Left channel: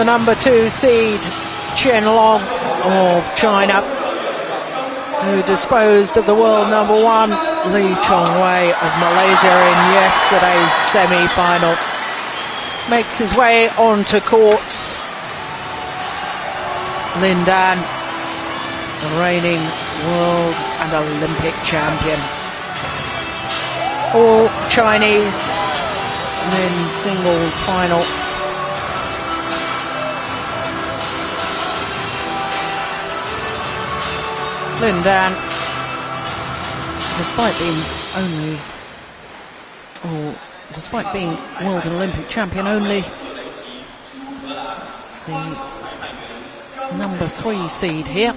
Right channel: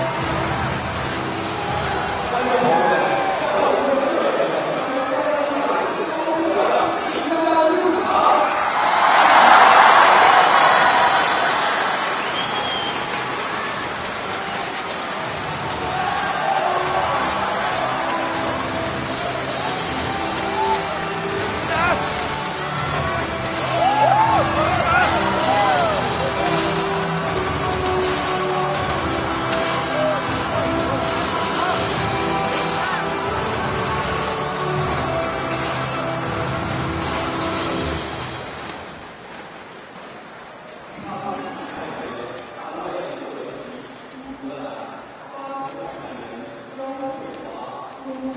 the number 2 seed, Chen of China, who disposed of the world number 1, Lee Chongwei of Malaysia, in yesterday's semi-final. Makes his way onto courts. Lin Dan, the reigning world and Olympic champion. All Chinese men's singles final. Lin Dan, despite being world and Olympic champion, only the number 3 seed here.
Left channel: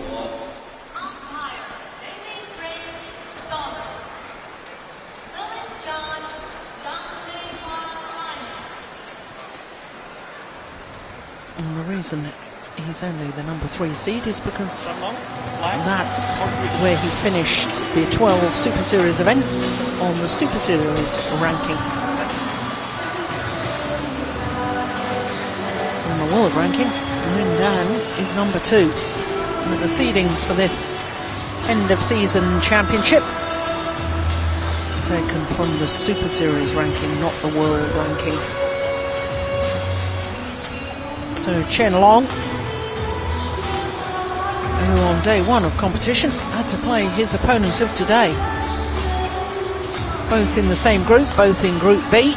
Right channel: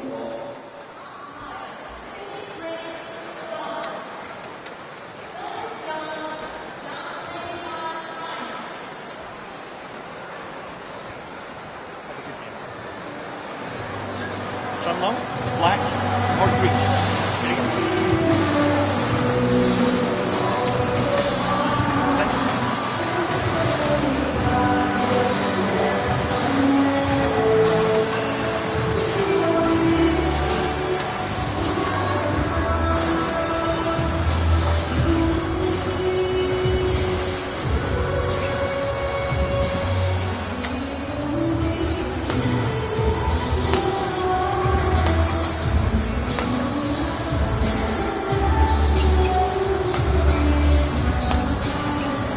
And the reason he's only the number 3 seed is because that's where he finished the 12 Super Series events on the Super Series ranking. On the world ranking, Lin Dan is number 2. And the seedings for this end of season championship taken from the Super Series ranking, not the world ranking. So Chen Long, on day 1 of competition, had to play his opponent of today. Both in the same group, both in Group B.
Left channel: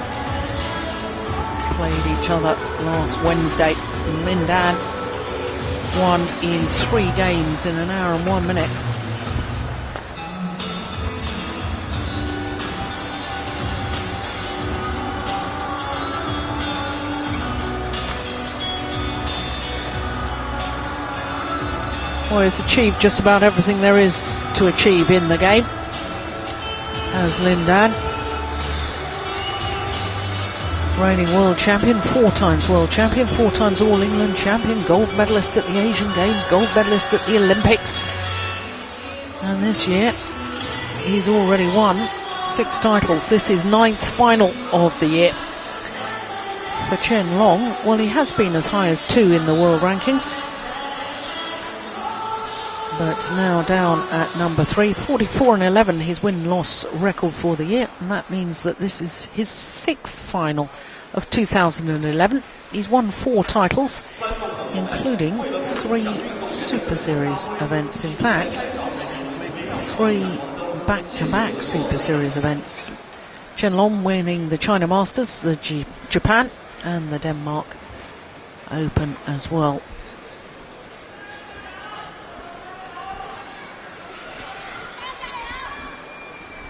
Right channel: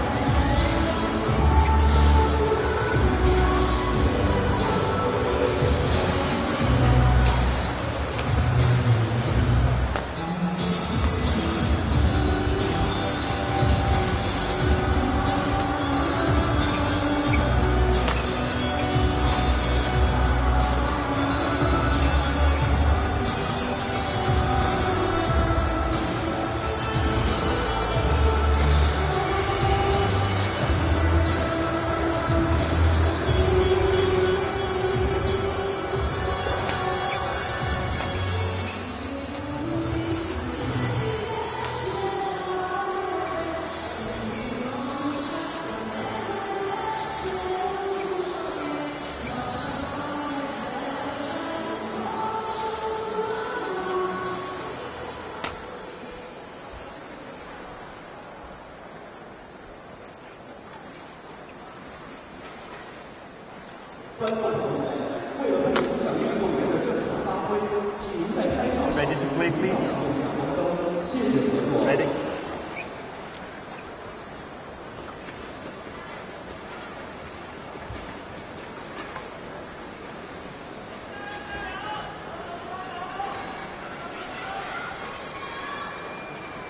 Played each other last Wednesday. Lin Dan won in 3 games in an hour and 1 minute. Well, he's achieved just about everything there is to achieve in the game, as Lin Dan. Reigning world champion, 4 times world champion, 4 times All England champion, gold medalist at the Asian Games, gold medalist at the Olympics. And this year, he's already won 6 titles. This is 9th final of the year. For Chen Long, well, he has been as high as 2 in the world rankings, but now down at number 3, 44-11, his win-loss record for the year, and that means that this is his 6th final of 2011. He's won 4 titles, including 3 Super Series events. In fact, 3 back-to-back Super Series events. Chen Long winning the China Masters, the Japan, and the Denmark Open as well.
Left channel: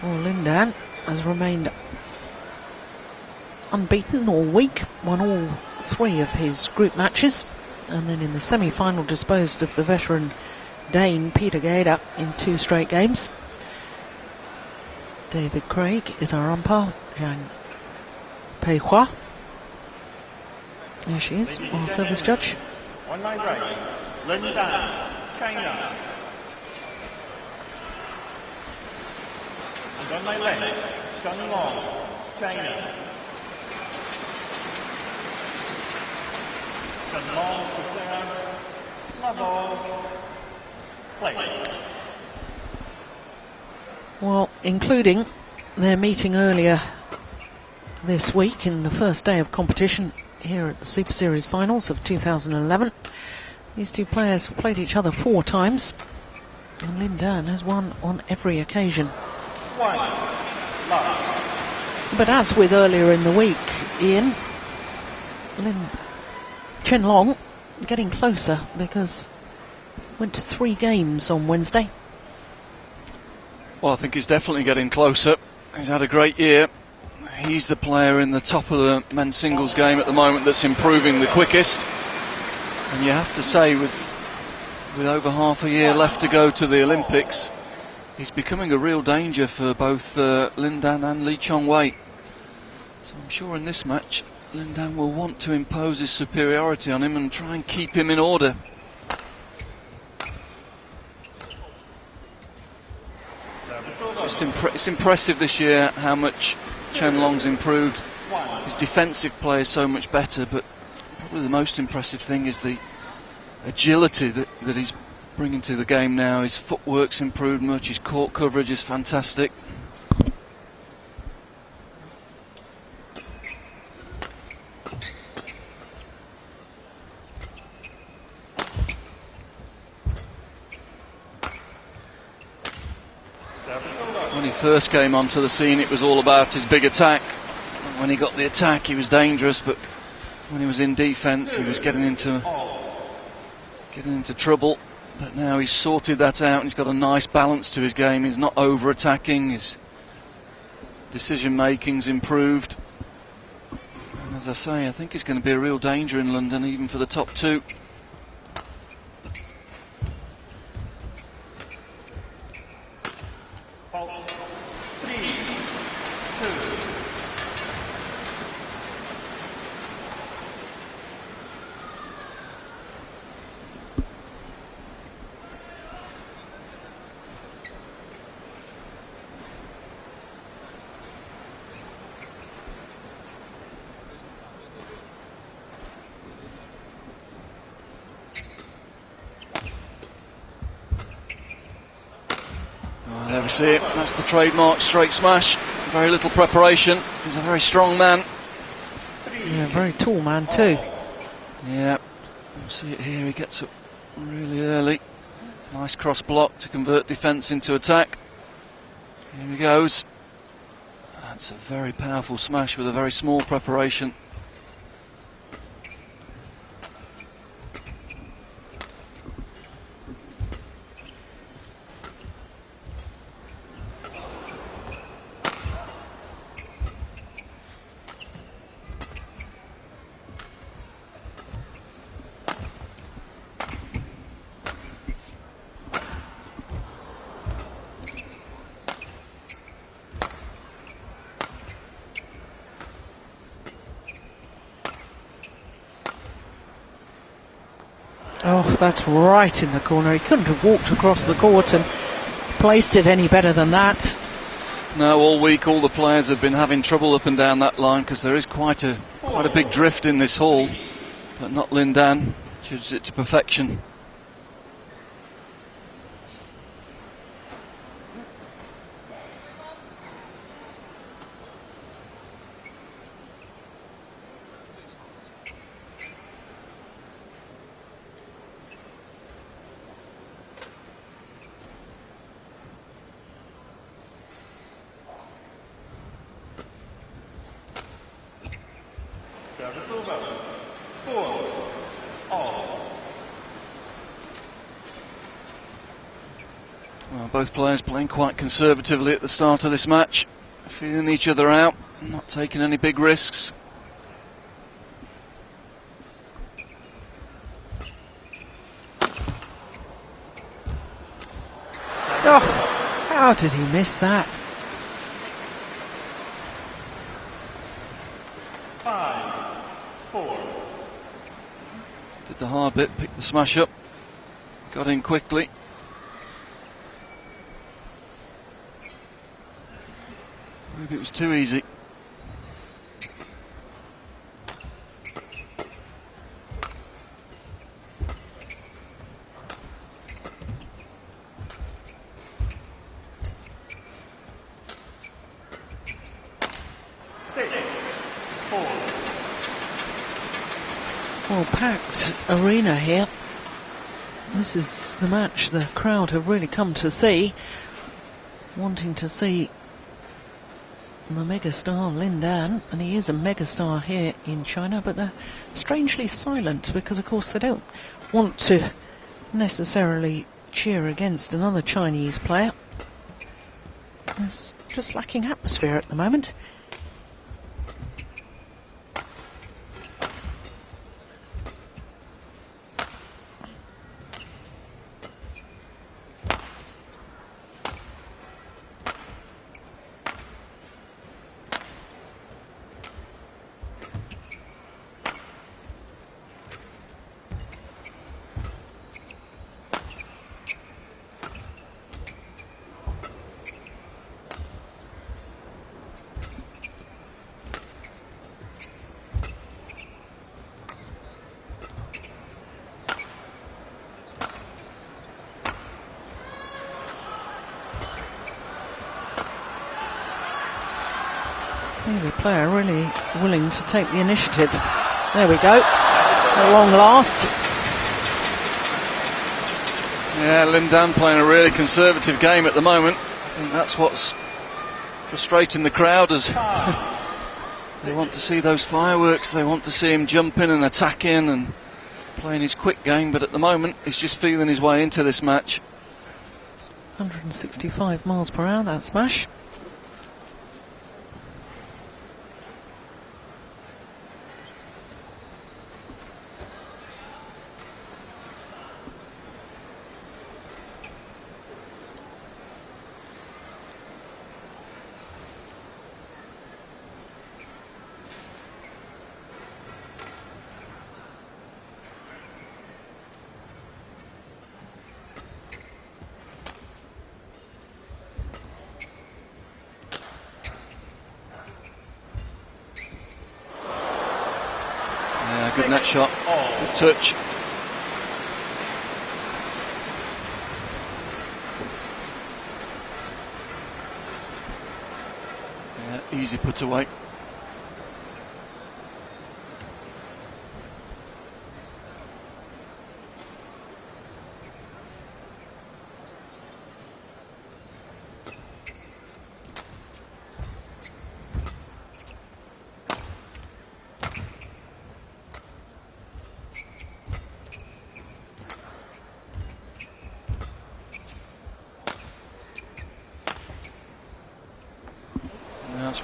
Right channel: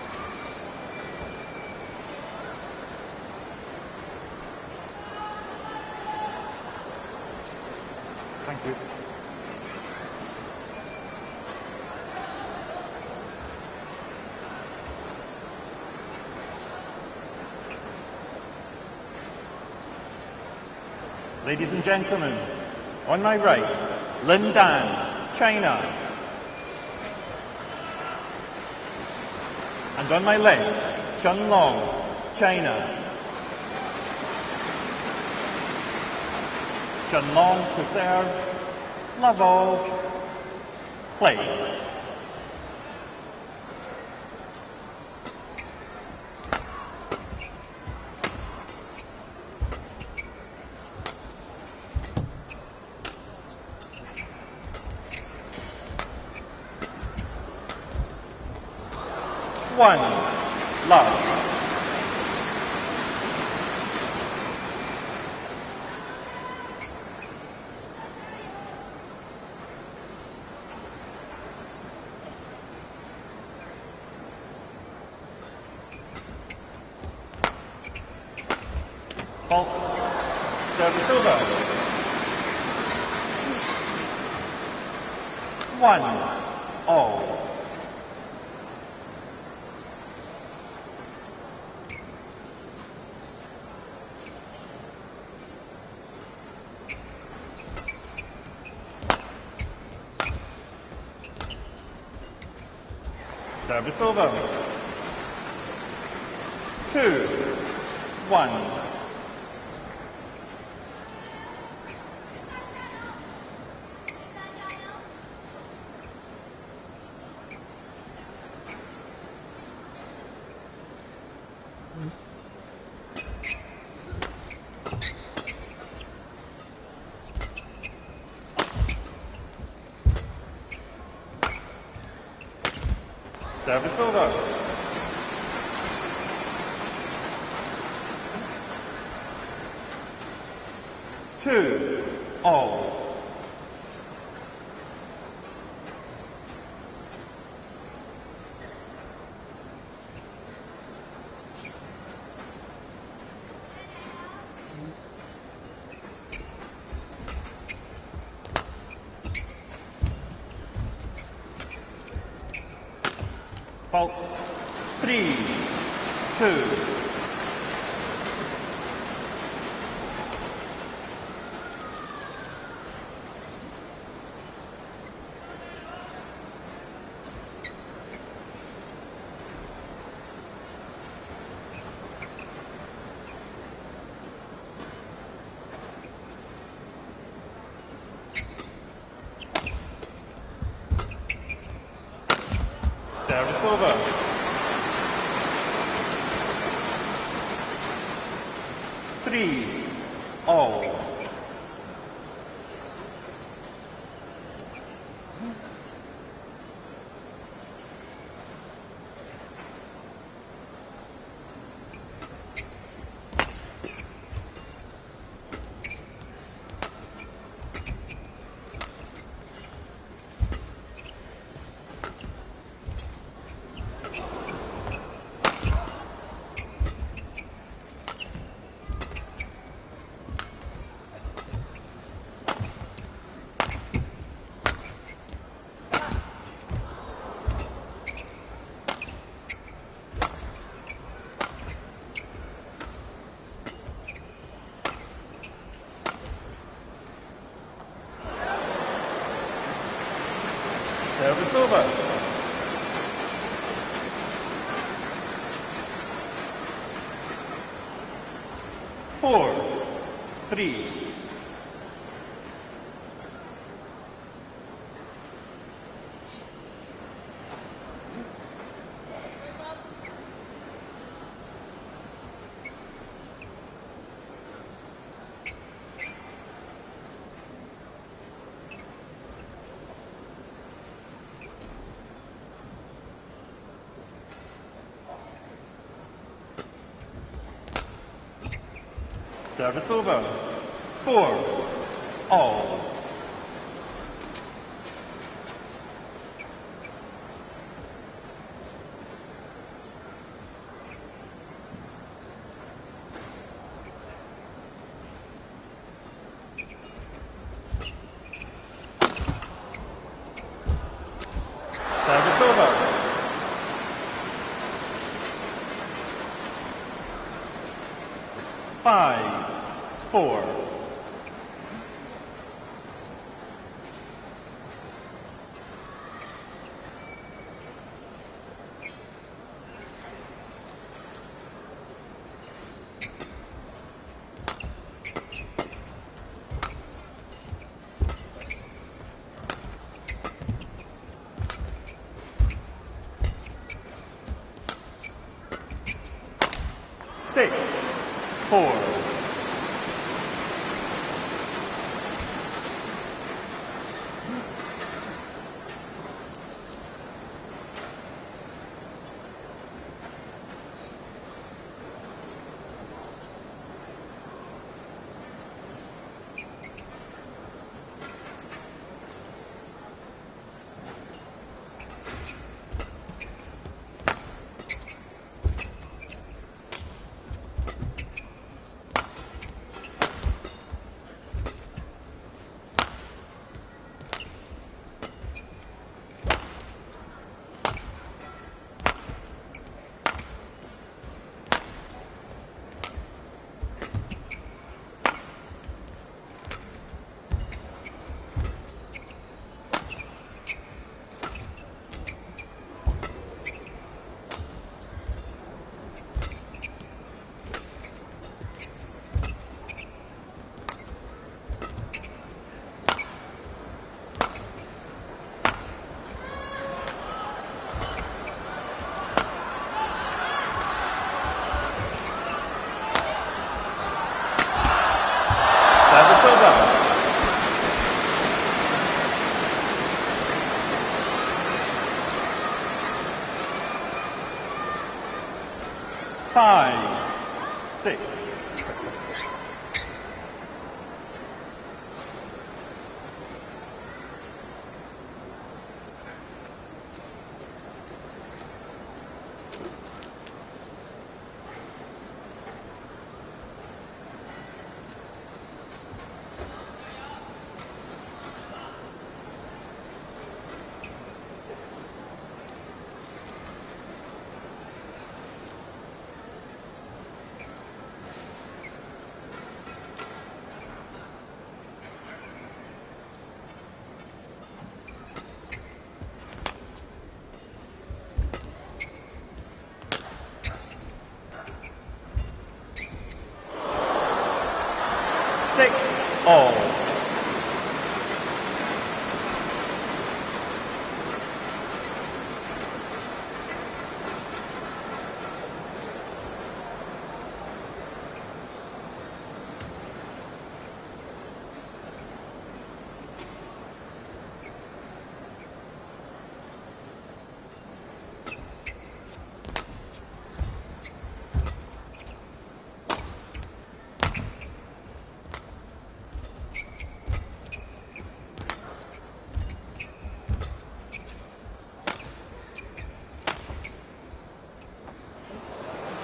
Well, Lin Dan has remained unbeaten all week, won all 3 of his group matches, and then in the semi-final disposed of the veteran Dane Peter Gader in 2 straight games. David Craig is our umpire, Zhang Pei Hua. There she is, our service judge. On my right, Lin Dan, China. And on my left, Chen Long, China. Chen Long to serve, level, play. Well, including their meeting earlier this week in the first day of competition here at the Super Series finals of 2011. These 2 players have played each other 4 times, and Lin Dan has won on every occasion. 1 love. But as with earlier in the week, Ian, Chen Long getting closer because went to 3 games on Wednesday. Well, I think he's definitely getting closer. He's had a great year. He's the player in the top of the men's singles game at the moment that's improving the quickest. And you have to say, with over half a year left to go to the Olympics, he's becoming a real danger for both Lin Dan and Lee Chongwei. So I'm sure in this match, Lin Dan will want to impose his superiority on him and try and keep him in order. Service over. It's impressive this year how much Chen Long's improved. His defensive play is so much better, but Probably the most impressive thing is the agility that he's bringing to the game now. His footwork's improved much, his court coverage is fantastic. Service over. When he first came onto the scene, it was all about his big attack. When he got the attack, he was dangerous, but when he was in defence, he was getting into trouble. But now he's sorted that out, and he's got a nice balance to his game. He's not over-attacking, his decision-making's improved. And as I say, I think he's going to be a real danger in London, even for the top two. Fault 3, 2. There we see it, that's the trademark straight smash. Very little preparation. He's a very strong man. 3. Yeah, very tall man too. Yeah, see it here, he gets up really early. Nice cross block to convert defence into attack. Here he goes. That's a very powerful smash with a very small preparation. Oh, that's right in the corner. He couldn't have walked across the court and placed it any better than that. No, all week all the players have been having trouble up and down that line because there is quite a big drift in this hall. But not Lin Dan, judges it to perfection. Service over. 4, all. Well, both players playing quite conservatively at the start of this match, feeling each other out, not taking any big risks. Service over. How did he miss that? 5, 4. Did the hard bit, picked the smash up, got in quickly. Maybe it was too easy. Well, packed arena here. This is the match the crowd have really come to see, wanting to see the megastar Lin Dan, and he is a megastar here in China, but they're strangely silent because, of course, they don't want to necessarily cheer against another Chinese player. It's just lacking atmosphere at the moment. player really willing to take the initiative. There we go. At long last. Yeah, Lin Dan playing a really conservative game at the moment. I think that's what's frustrating the crowd, as they want to see those fireworks. They want to see him jumping and attacking and playing his quick game, but at the moment he's just feeling his way into this match. 165 miles per hour, that smash. Good net shot. Touch. Yeah, easy put away.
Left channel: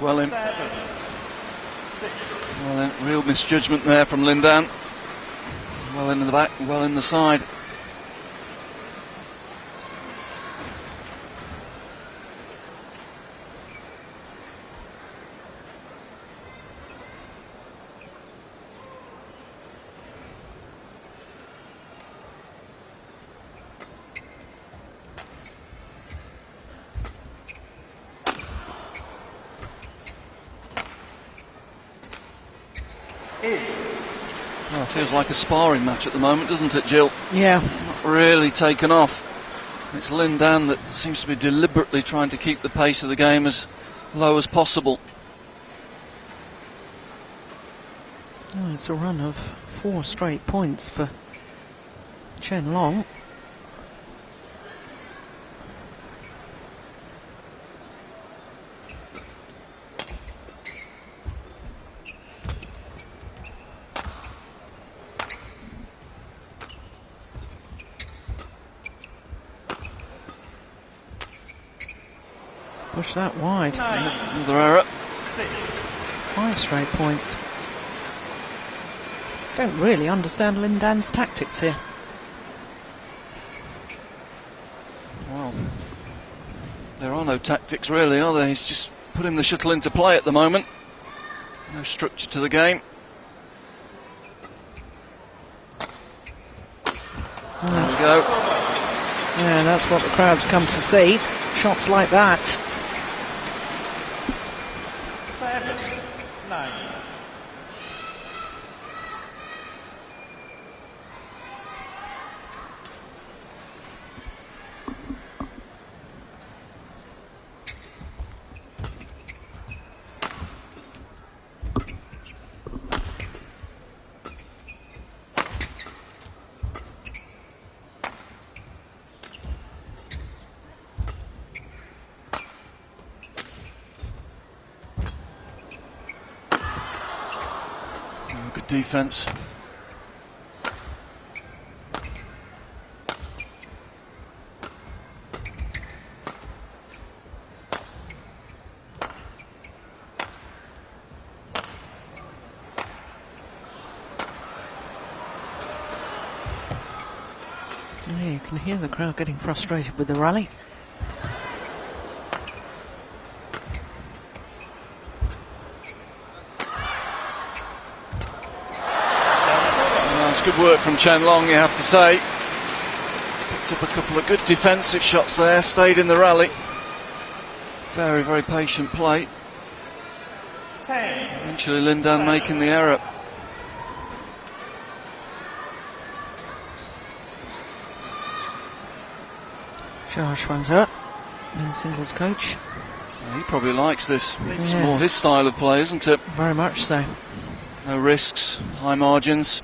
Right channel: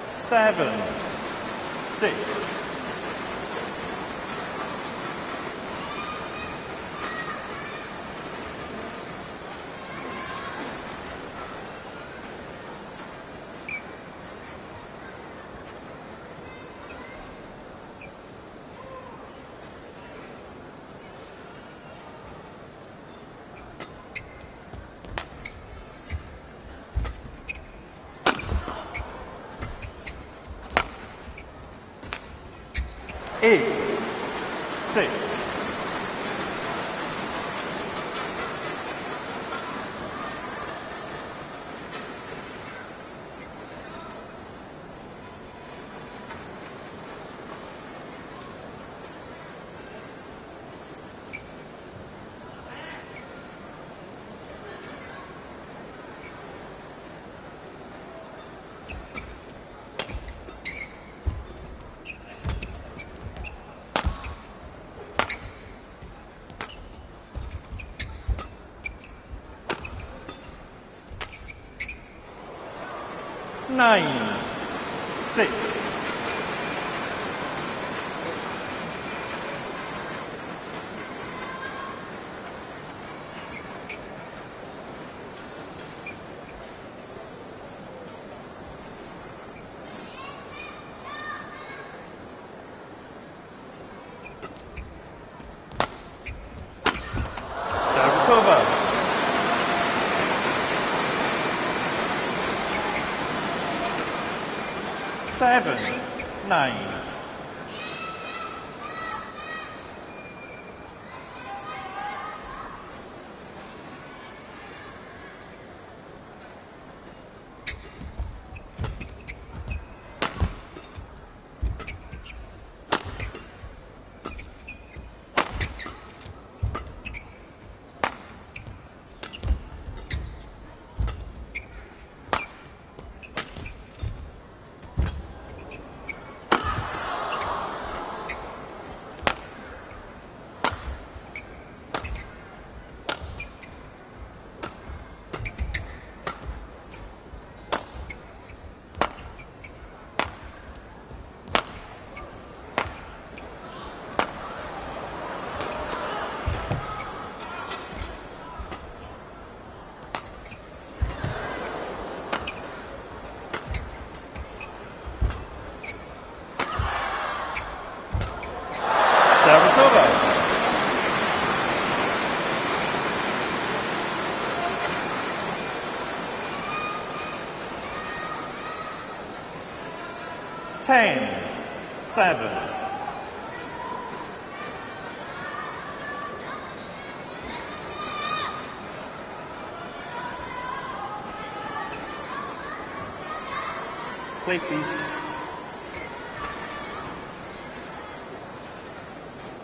Well in. 7, 6. Well in. Real misjudgment there from Lin Dan. Well in the back, well in the side. Oh, feels like a sparring match at the moment, doesn't it, Jill? Yeah. Not really taken off. It's Lin Dan that seems to be deliberately trying to keep the pace of the game as low as possible. Oh, it's a run of 4 straight points for Chen Long. Push that wide. 9, Another error. 6. 5 straight points. Don't really understand Lin Dan's tactics here. Well, there are no tactics really, are there? He's just putting the shuttle into play at the moment. No structure to the game. Yeah, that's what the crowd's come to see. Shots like that. 7, 9. Good defense. Yeah, you can hear the crowd getting frustrated with the rally. Good work from Chen Long, you have to say. Took a couple of good defensive shots there, stayed in the rally. Very, very patient play. 10. Eventually Lin Dan making the error. Josh runs up, men's singles coach. He probably likes this. It's Yeah. more his style of play, isn't it? Very much so. No risks, high margins.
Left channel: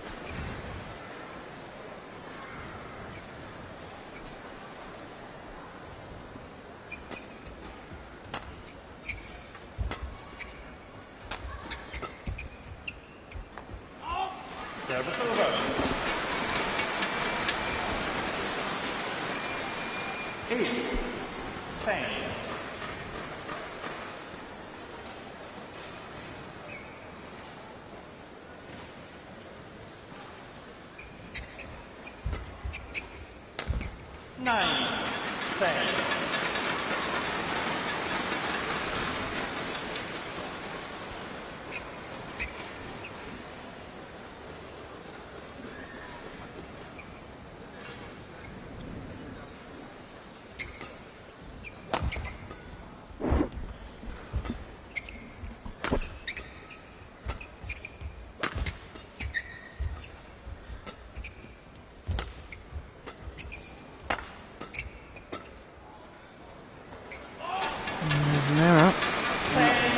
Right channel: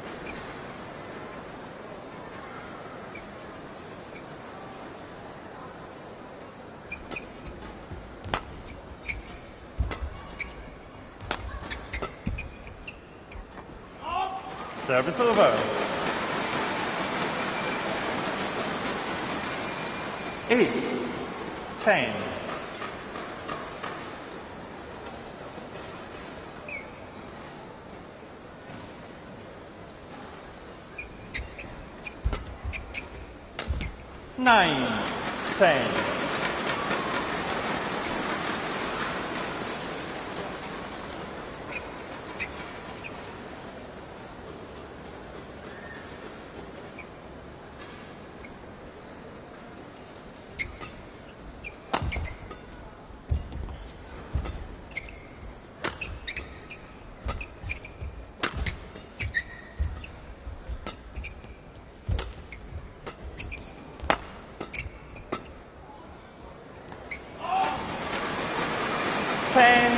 Service over. 8-10. Nine, 10.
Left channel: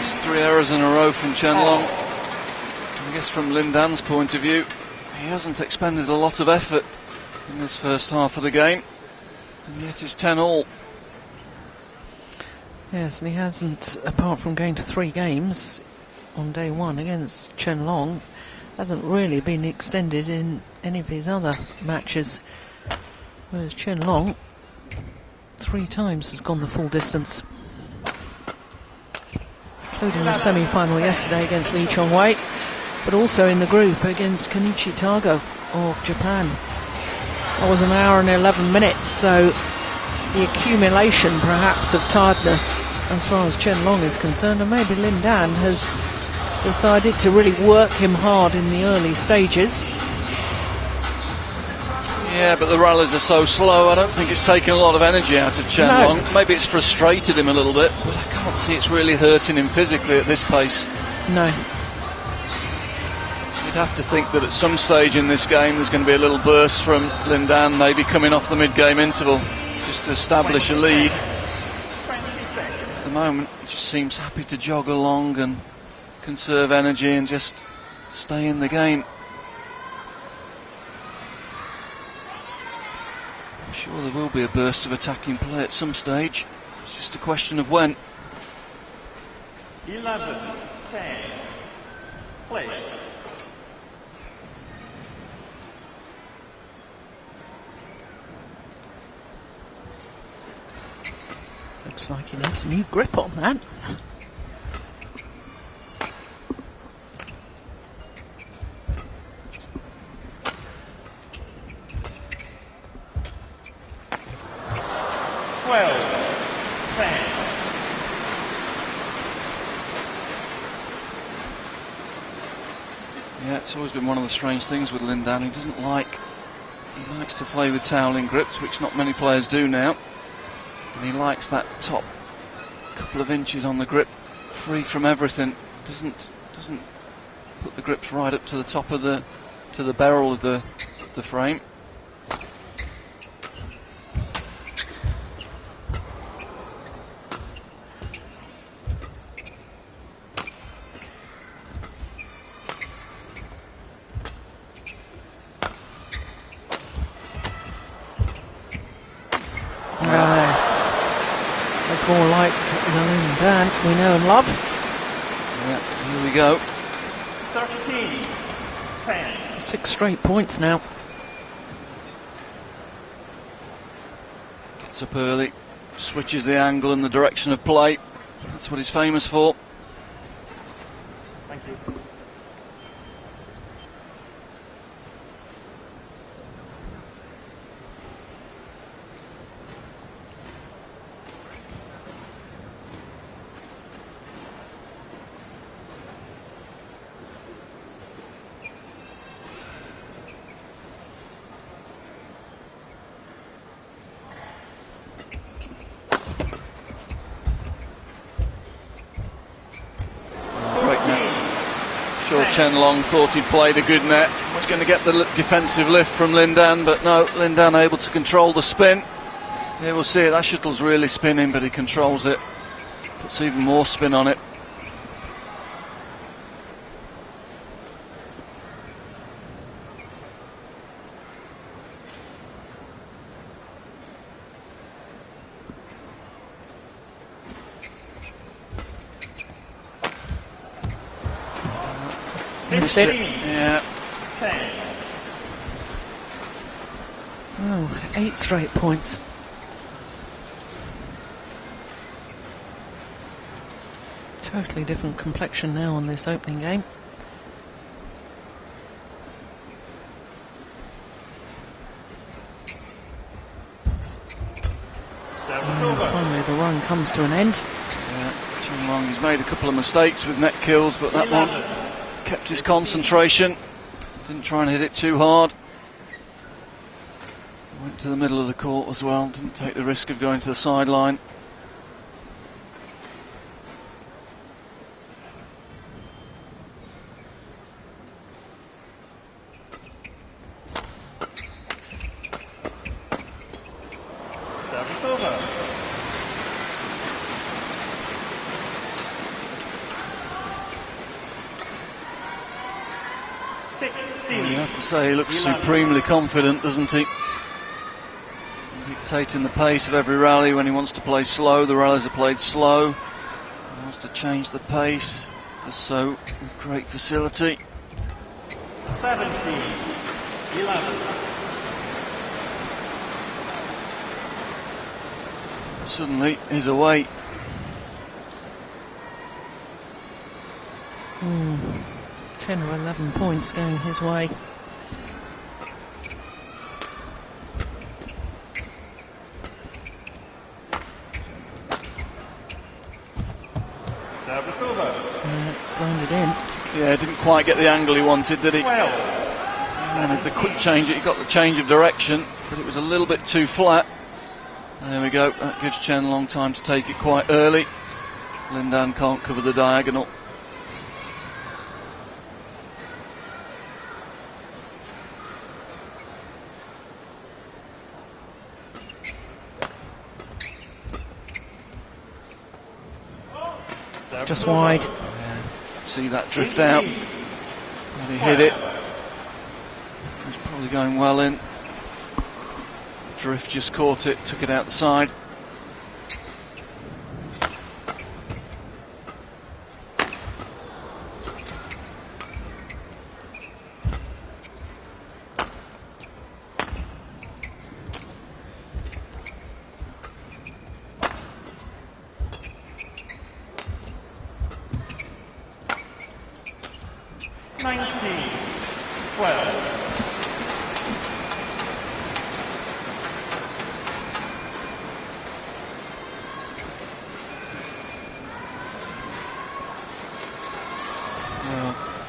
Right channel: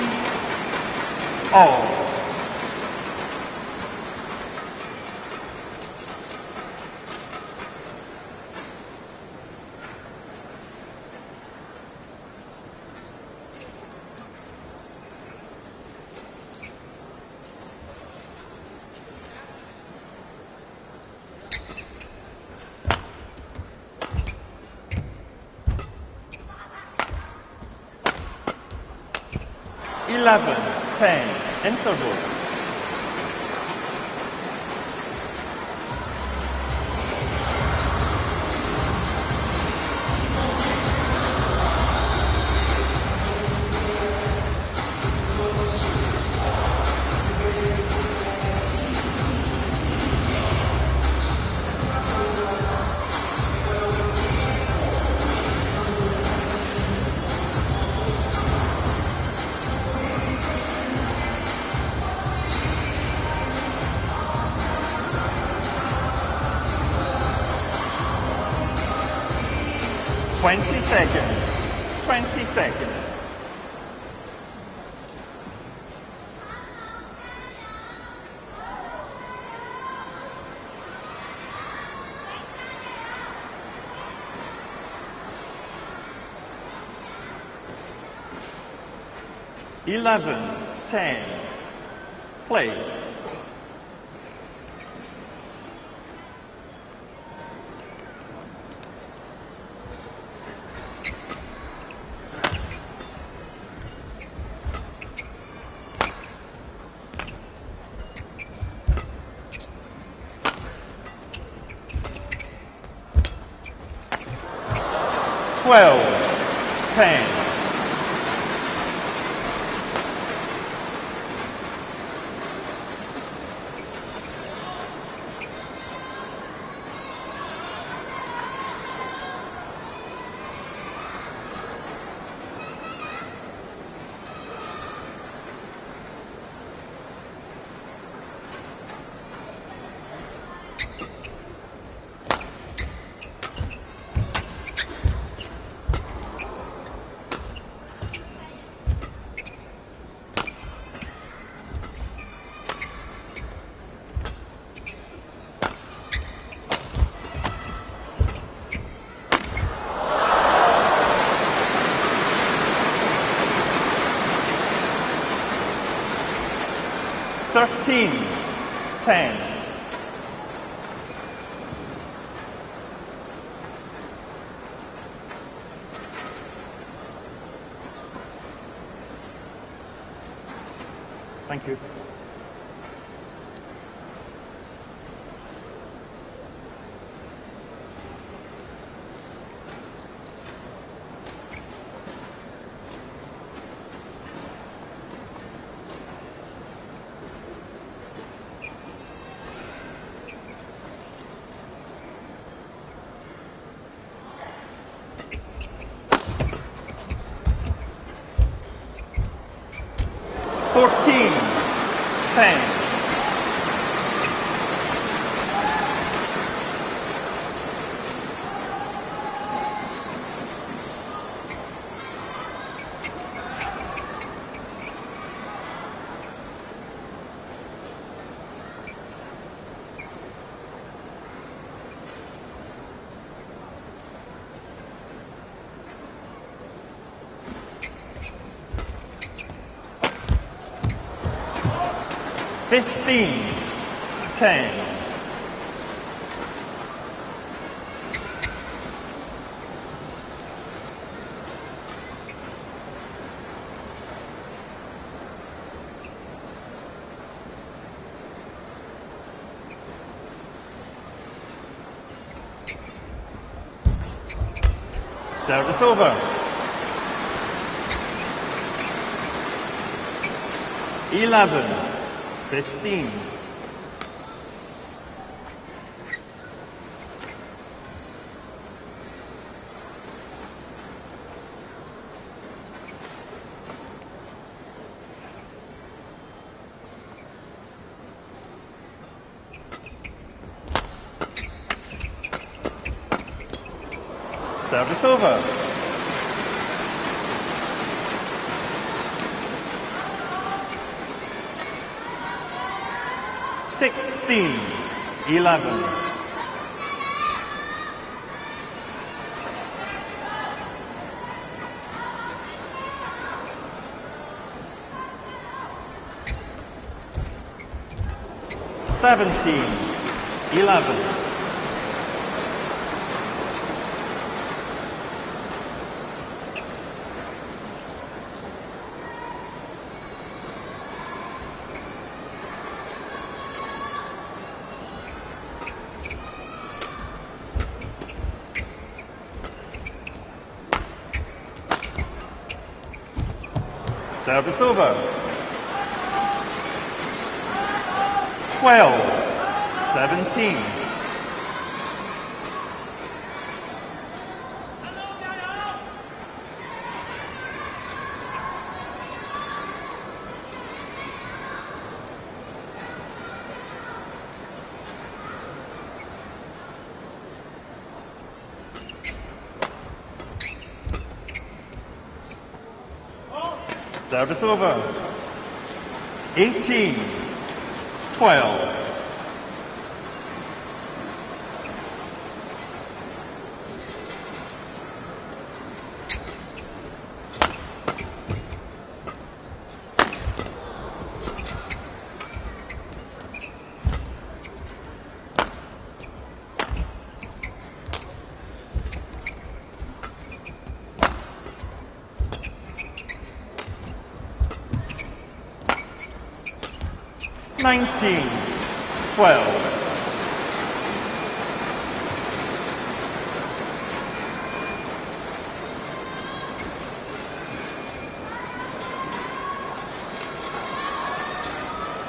It's 3 errors in a row from Chen Long. I guess from Lin Dan's point of view, he hasn't expended a lot of effort in this first half of the game, and yet it's 10-all. Yes, and he hasn't, apart from going to 3 games on day 1 against Chen Long, hasn't really been extended in any of his other matches. Whereas Chen Long 3 times has gone the full distance, including the semi-final yesterday against Lee Chong-wei, but also in the group against Kenichi Tago of Japan. That was an hour and 11 minutes, so the accumulation perhaps of tiredness as far as Chen Long is concerned, and maybe Lin Dan has decided to really work him hard in the early stages. Yeah, but the rallies are so slow, I don't think it's taken a lot of energy out of Chen No. Long. Maybe it's frustrated him a little bit, but I can't see it's really hurting him physically at this pace. No. You'd have to think that at some stage in this game there's going to be a little burst from Lin Dan, maybe coming off the mid-game interval, just to establish a 20 lead. seconds. 20 seconds. At the moment, he just seems happy to jog along and conserve energy and just stay in the game. I'm sure there will be a burst of attacking play at some stage. It's just a question of when. 11-10. Play. Looks like he needs a new grip on that. Twelve, 10. Yeah, it's always been one of the strange things with Lin Dan. He likes to play with toweling grips, which not many players do now. And he likes that top couple of inches on the grip, free from everything. Doesn't put the grips right up to the top of the barrel of the frame. Nice. That's more like Lin Dan we know and love. Yeah, here we go. 13-10. 6 straight points now. Gets up early, switches the angle and the direction of play. That's what he's famous for. Thank you. Sure, Chen Long thought he played a good net. Was going to get the defensive lift from Lin Dan, but no, Lin Dan able to control the spin. Here we'll see it. That shuttle's really spinning, but he controls it. Puts even more spin on it. Yeah. 10. Oh, 8 straight points. Totally different complexion now on this opening game. Service over. Finally the run comes to an end. Chen Long's made a couple of mistakes with net kills, but that 11. one kept his 15. concentration. Didn't try and hit it too hard. Went to the middle of the court as well. Didn't take the risk of going to the sideline. Service over. I have to say, he looks 11. supremely confident, doesn't he? Dictating the pace of every rally. When he wants to play slow, the rallies are played slow. He wants to change the pace. Does so with great facility. 17. 11. Suddenly, he's away. 10 or 11 points going his way. Service over. It's landed in. Yeah, didn't quite get the angle he wanted, did he? 12. The quick 17. change, he got the change of direction, but it was a little bit too flat. And there we go. That gives Chen a long time to take it quite early. Lindan can't cover the diagonal. Service Just over. wide. See that drift 18. out. He 12. hit it. He's probably going well in. Drift just caught it, took it out the side. Nineteen. 12.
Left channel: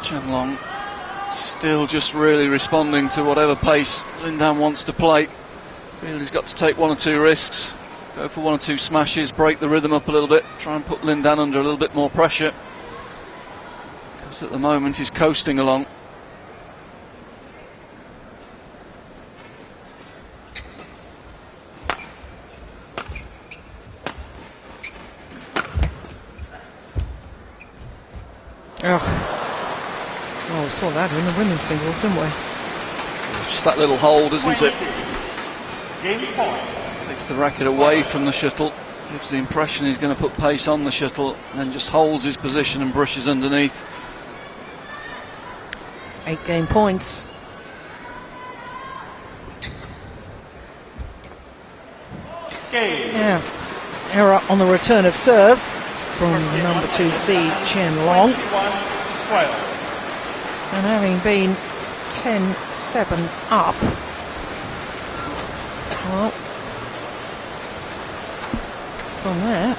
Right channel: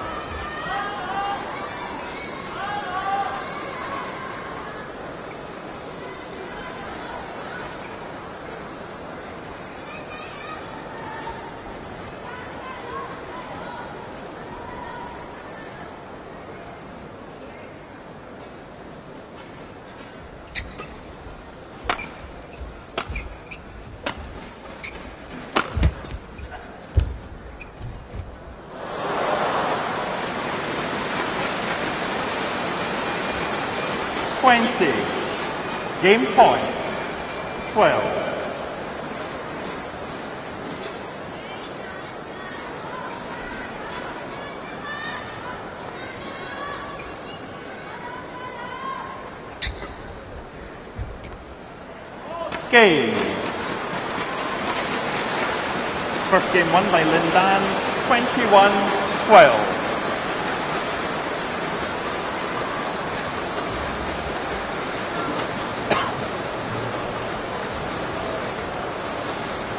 Chen Long still just really responding to whatever pace Lindan wants to play. Really, he's got to take one or two risks, go for one or two smashes, break the rhythm up a little bit, try and put Lindan under a little bit more pressure. Because at the moment he's coasting along. Oh, we saw that in the women's singles, didn't we? It's just that little hold, isn't 20. it? Game point. Takes the racket away from the shuttle, gives the impression he's going to put pace on the shuttle, and then just holds his position and brushes underneath. 8 game points. Game. Yeah. Error on the return of serve from First game won number by 2 seed Lindan. Chen Long. 21-12. And having been 10-7 up, well, from there,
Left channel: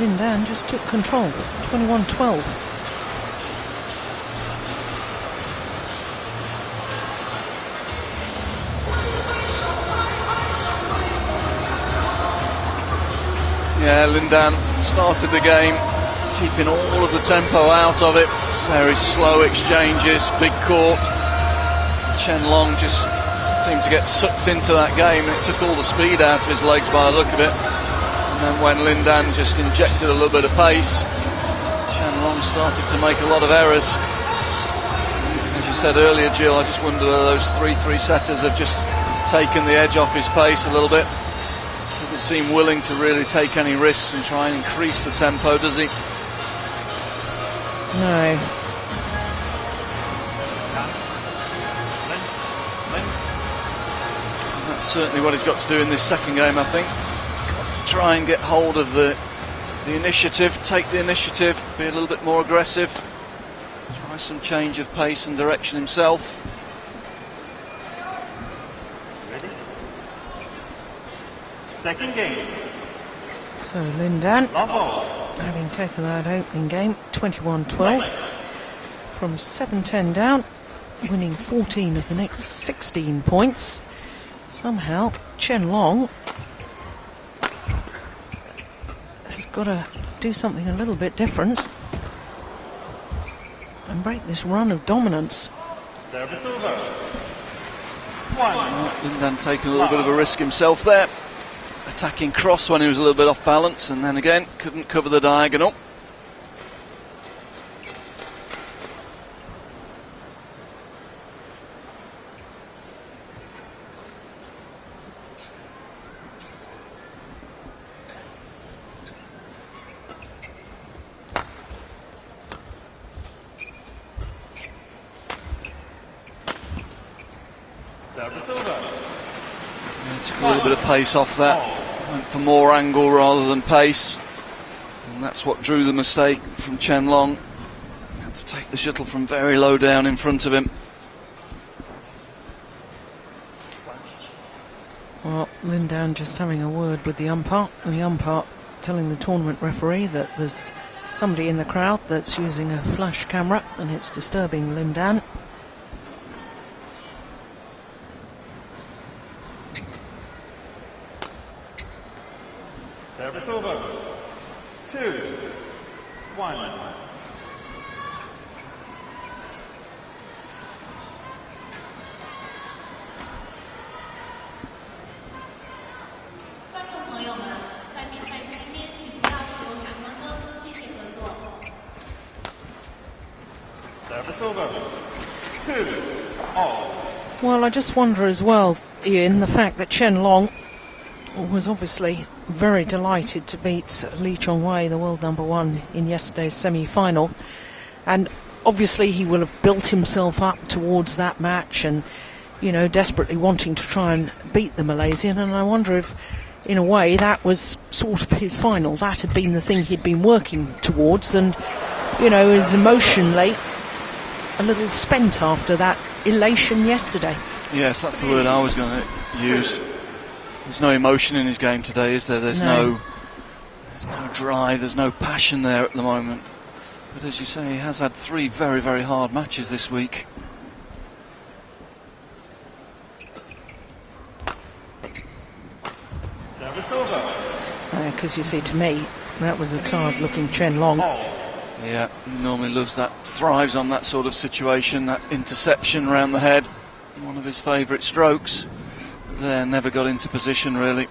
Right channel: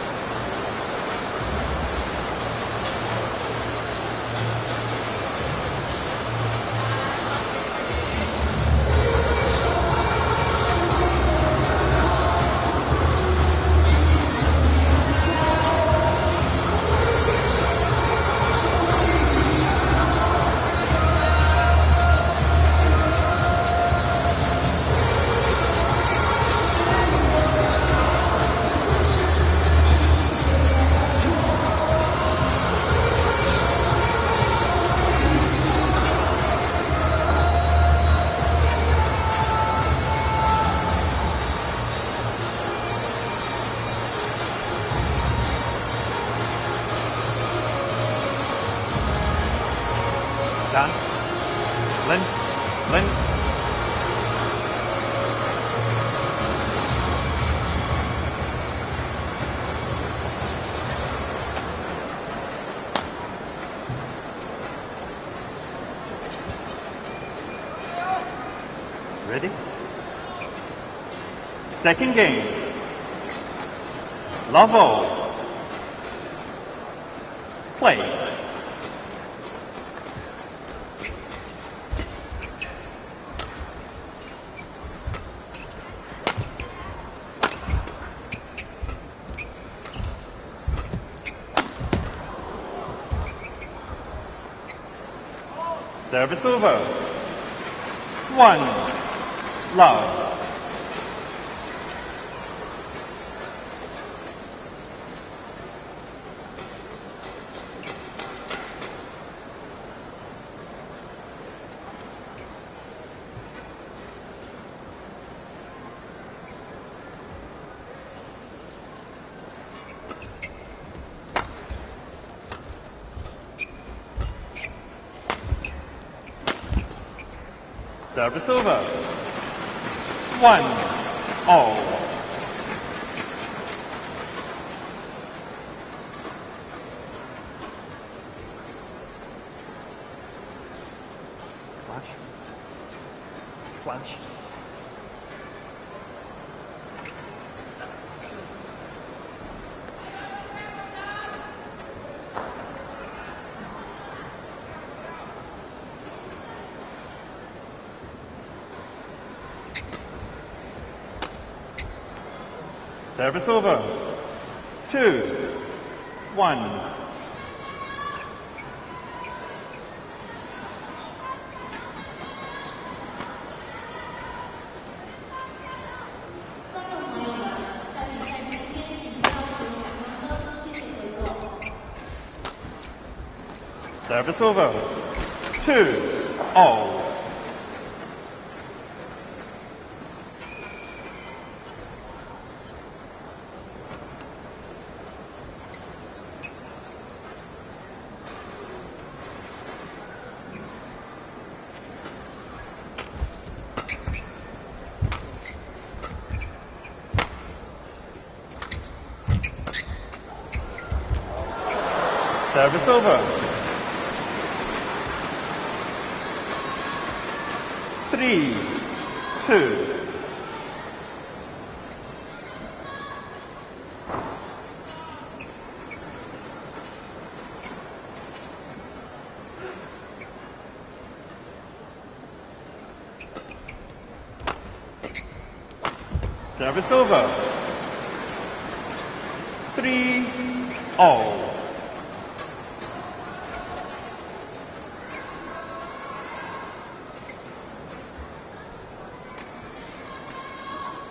Lindan just took control. 21-12. Yeah, Lindan started the game, keeping all of the tempo out of it. Very slow exchanges, big court. Chen Long just seemed to get sucked into that game, and it took all the speed out of his legs by the look of it. And when Lindan just injected a little bit of pace, Chen started to make a lot of errors. As you said earlier, Jill, I just wonder whether those 3-3 setters have just taken the edge off his pace a little bit. Doesn't seem willing to really take any risks and try and increase the tempo, does he? No. That's certainly what he's got to do in this second game, I think. To try and get hold of the initiative, take the initiative, be a little bit more aggressive, try some change of pace and direction himself. Ready? Second game. So Lindan, Level. having taken that opening game, 21-12, from 7-10 down, winning 14 of the next 16 points. Somehow, Chen has got to do something a little bit different and break this run of dominance. Service over. 1. Lindan taking a little bit of a risk himself there. Attacking cross when he was a little bit off balance, and then again couldn't cover the diagonal. Service over. Took a little bit of pace off that. For more angle rather than pace, and that's what drew the mistake from Chen Long. Had to take the shuttle from very low down in front of him. Flash. Well, Lindan just having a word with the umpire. The umpire telling the tournament referee that there's somebody in the crowd that's using a flash camera and it's disturbing Lindan. Service over. 2. 1. Service over. 2. All. Well, I just wonder as well, Ian, the fact that Chen Long was obviously very delighted to beat Lee Chong-wei, the world #1, in yesterday's semi-final, and obviously he will have built himself up towards that match and, you know, desperately wanting to try and beat the Malaysian. And I wonder if, in a way, that was sort of his final. That had been the thing he'd been working towards, and, you know, is emotionally a little spent after that elation yesterday. Yes, that's the word I was going to use. There's no emotion in his game today, is there? There's no drive, there's no passion there at the moment. But as you say, he has had 3 very, very hard matches this week. Service over. Because you see, to me, that was a tired-looking Chen Long. Yeah, he normally loves that, thrives on that sort of situation, that interception round the head. One of his favourite strokes. There, never got into position really.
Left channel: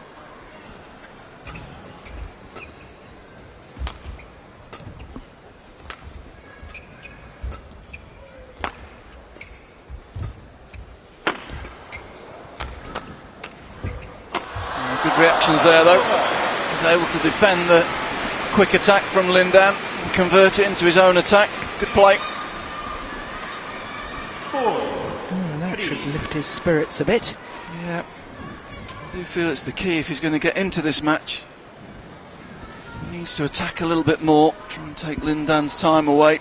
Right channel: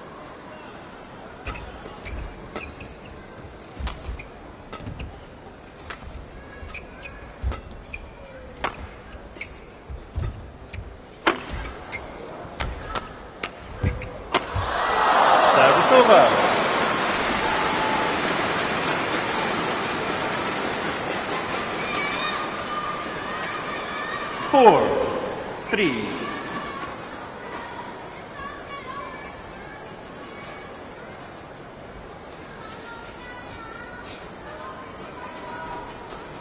Good reactions there though. He's able to defend the quick attack from Lindan, convert it into his own attack. Good play. 4. That should lift his spirits a bit. Yeah. I do feel it's the key if he's going to get into this match. He needs to attack a little bit more, try and take Lindan's time away.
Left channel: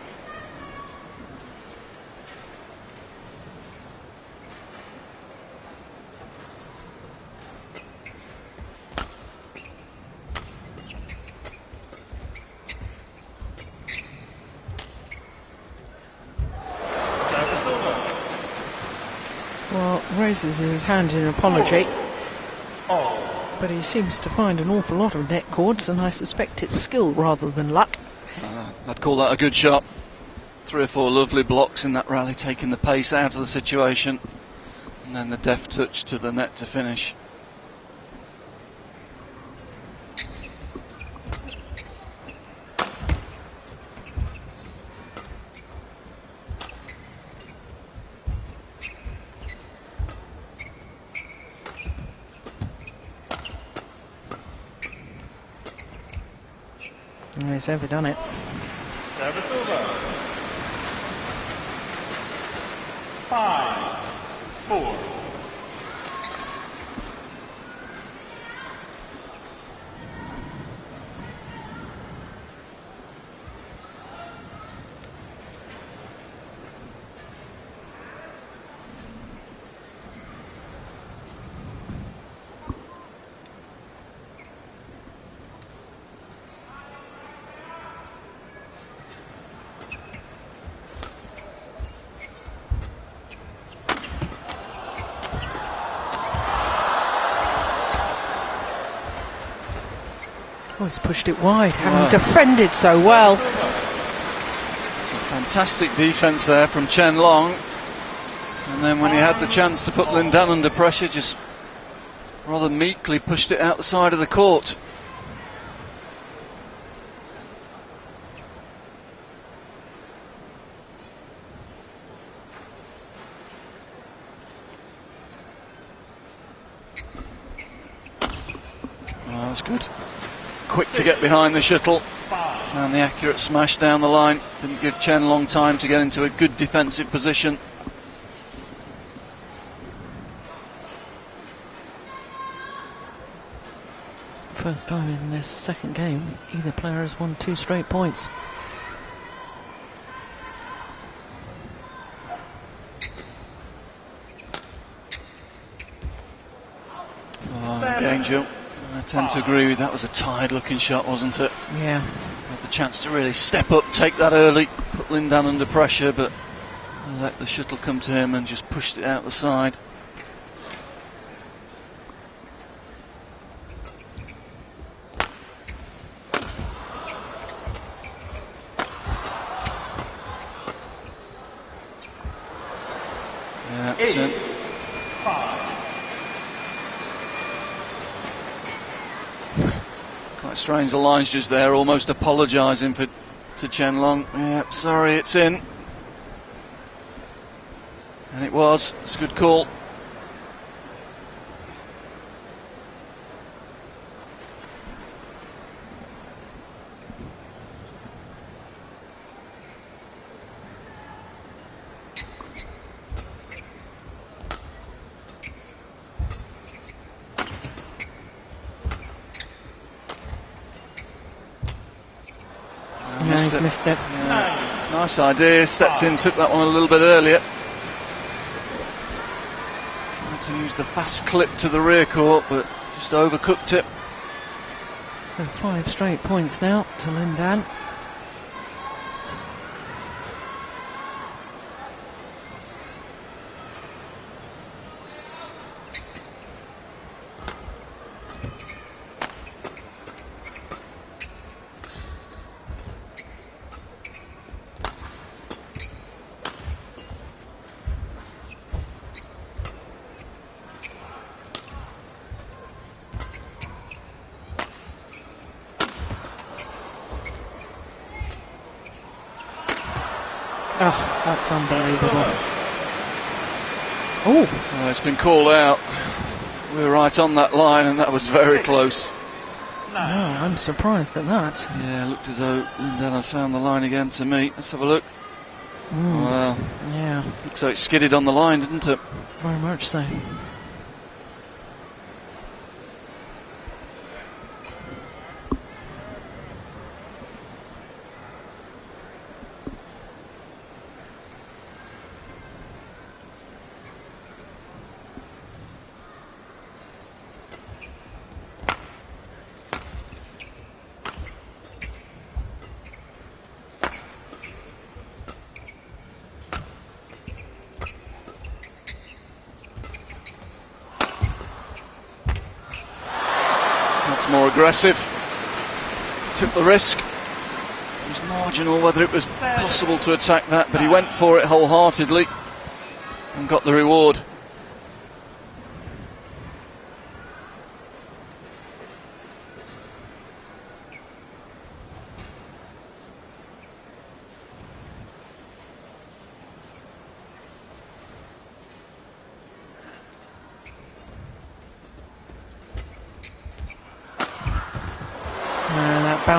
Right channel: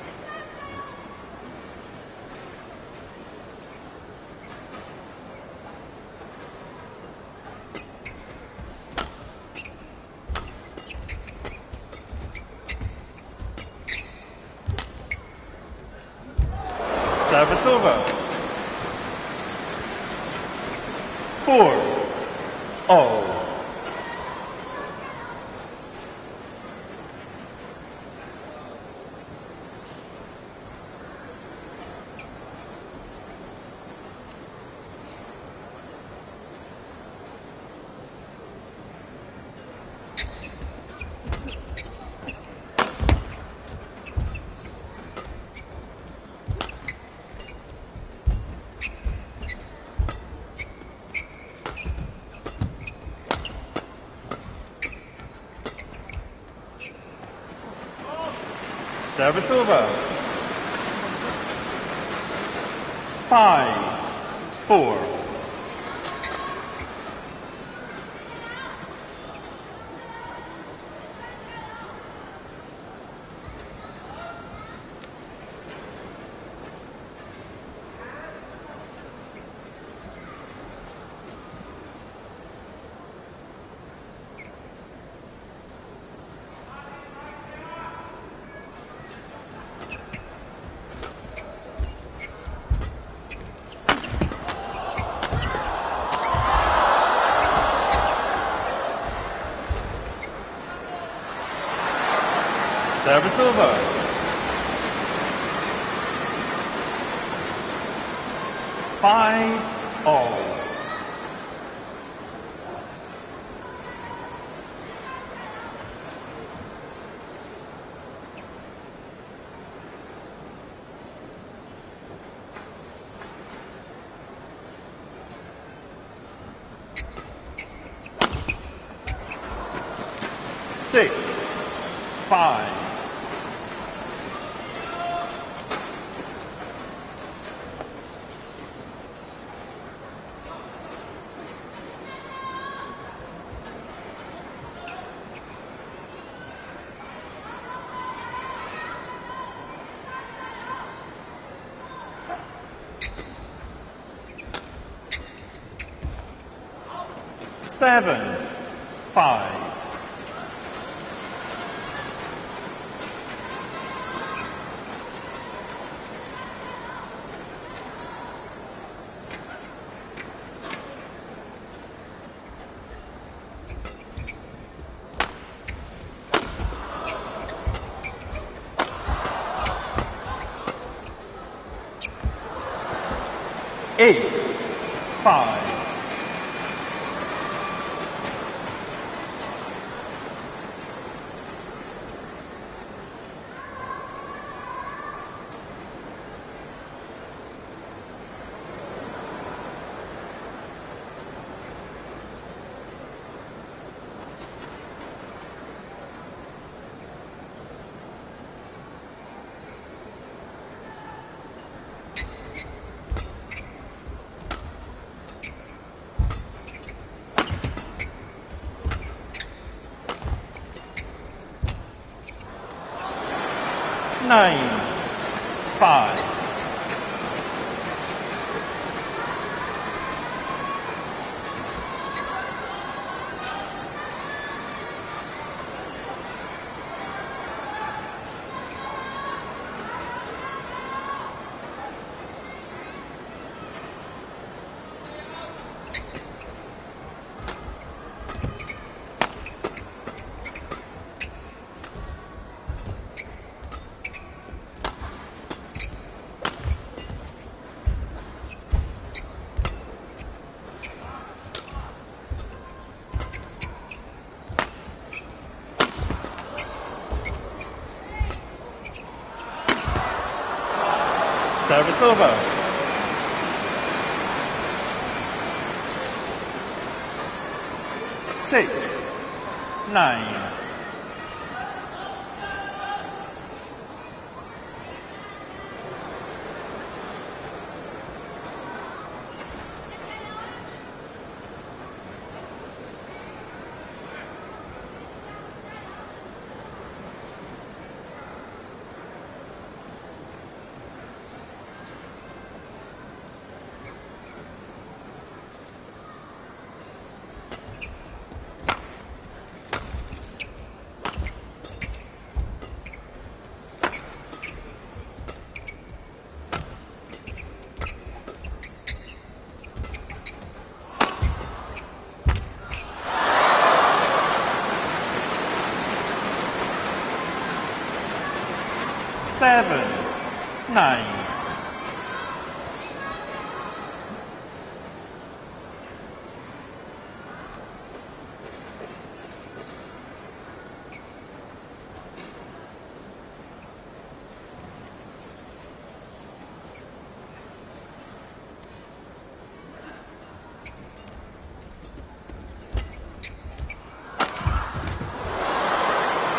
Service over. Well, raises his hand in apology. 4. But he seems to find an awful lot of net cords, and I suspect it's skill rather than luck. I'd call that a good shot. 3 or 4 lovely blocks in that rally, taking the pace out of the situation, and then the deft touch to the net to finish. Yeah, he's overdone it. Service over. 5-4. Oh, he's pushed it wide, having defended so well. Service over. Fantastic defence there from Chen Long. And then when he had the chance to put Lin Dan under pressure, just rather meekly pushed it out the side of the court. Oh, that's good. Quick to get behind the shuttle. 5. And the accurate smash down the line. Didn't give Chen Long time to get into a good defensive position. First time in this second game, either player has won 2 straight points. Seven. I tend to agree with that. Was a tired looking shot, wasn't it? Yeah. Had the chance to really step up, take that early, put Lin Dan under pressure, but let the shuttle come to him and just pushed it out the side. Yeah, 8-5. Quite strange, the line's just there, almost apologising to Chen Long. Yep, sorry, it's in. And it was. It's a good call. No, he's missed it. 9. Nice idea, stepped in, took that one a little bit earlier. Had to use the fast clip to the rear court, but just overcooked it. So 5 straight points now to Lin Dan. Oh, that's Service unbelievable. over. Oh, It's been called out. We were right on that line, and that was very 6. close. 9. I'm surprised at that. Yeah, looked as though Lin Dan had found the line again to me. Let's have a look. Well, Yeah, looks like it skidded on the line, didn't it? very much so. More aggressive. Took the risk. It was marginal whether it was 7. possible to attack that, but he 9. went for it wholeheartedly and got the reward.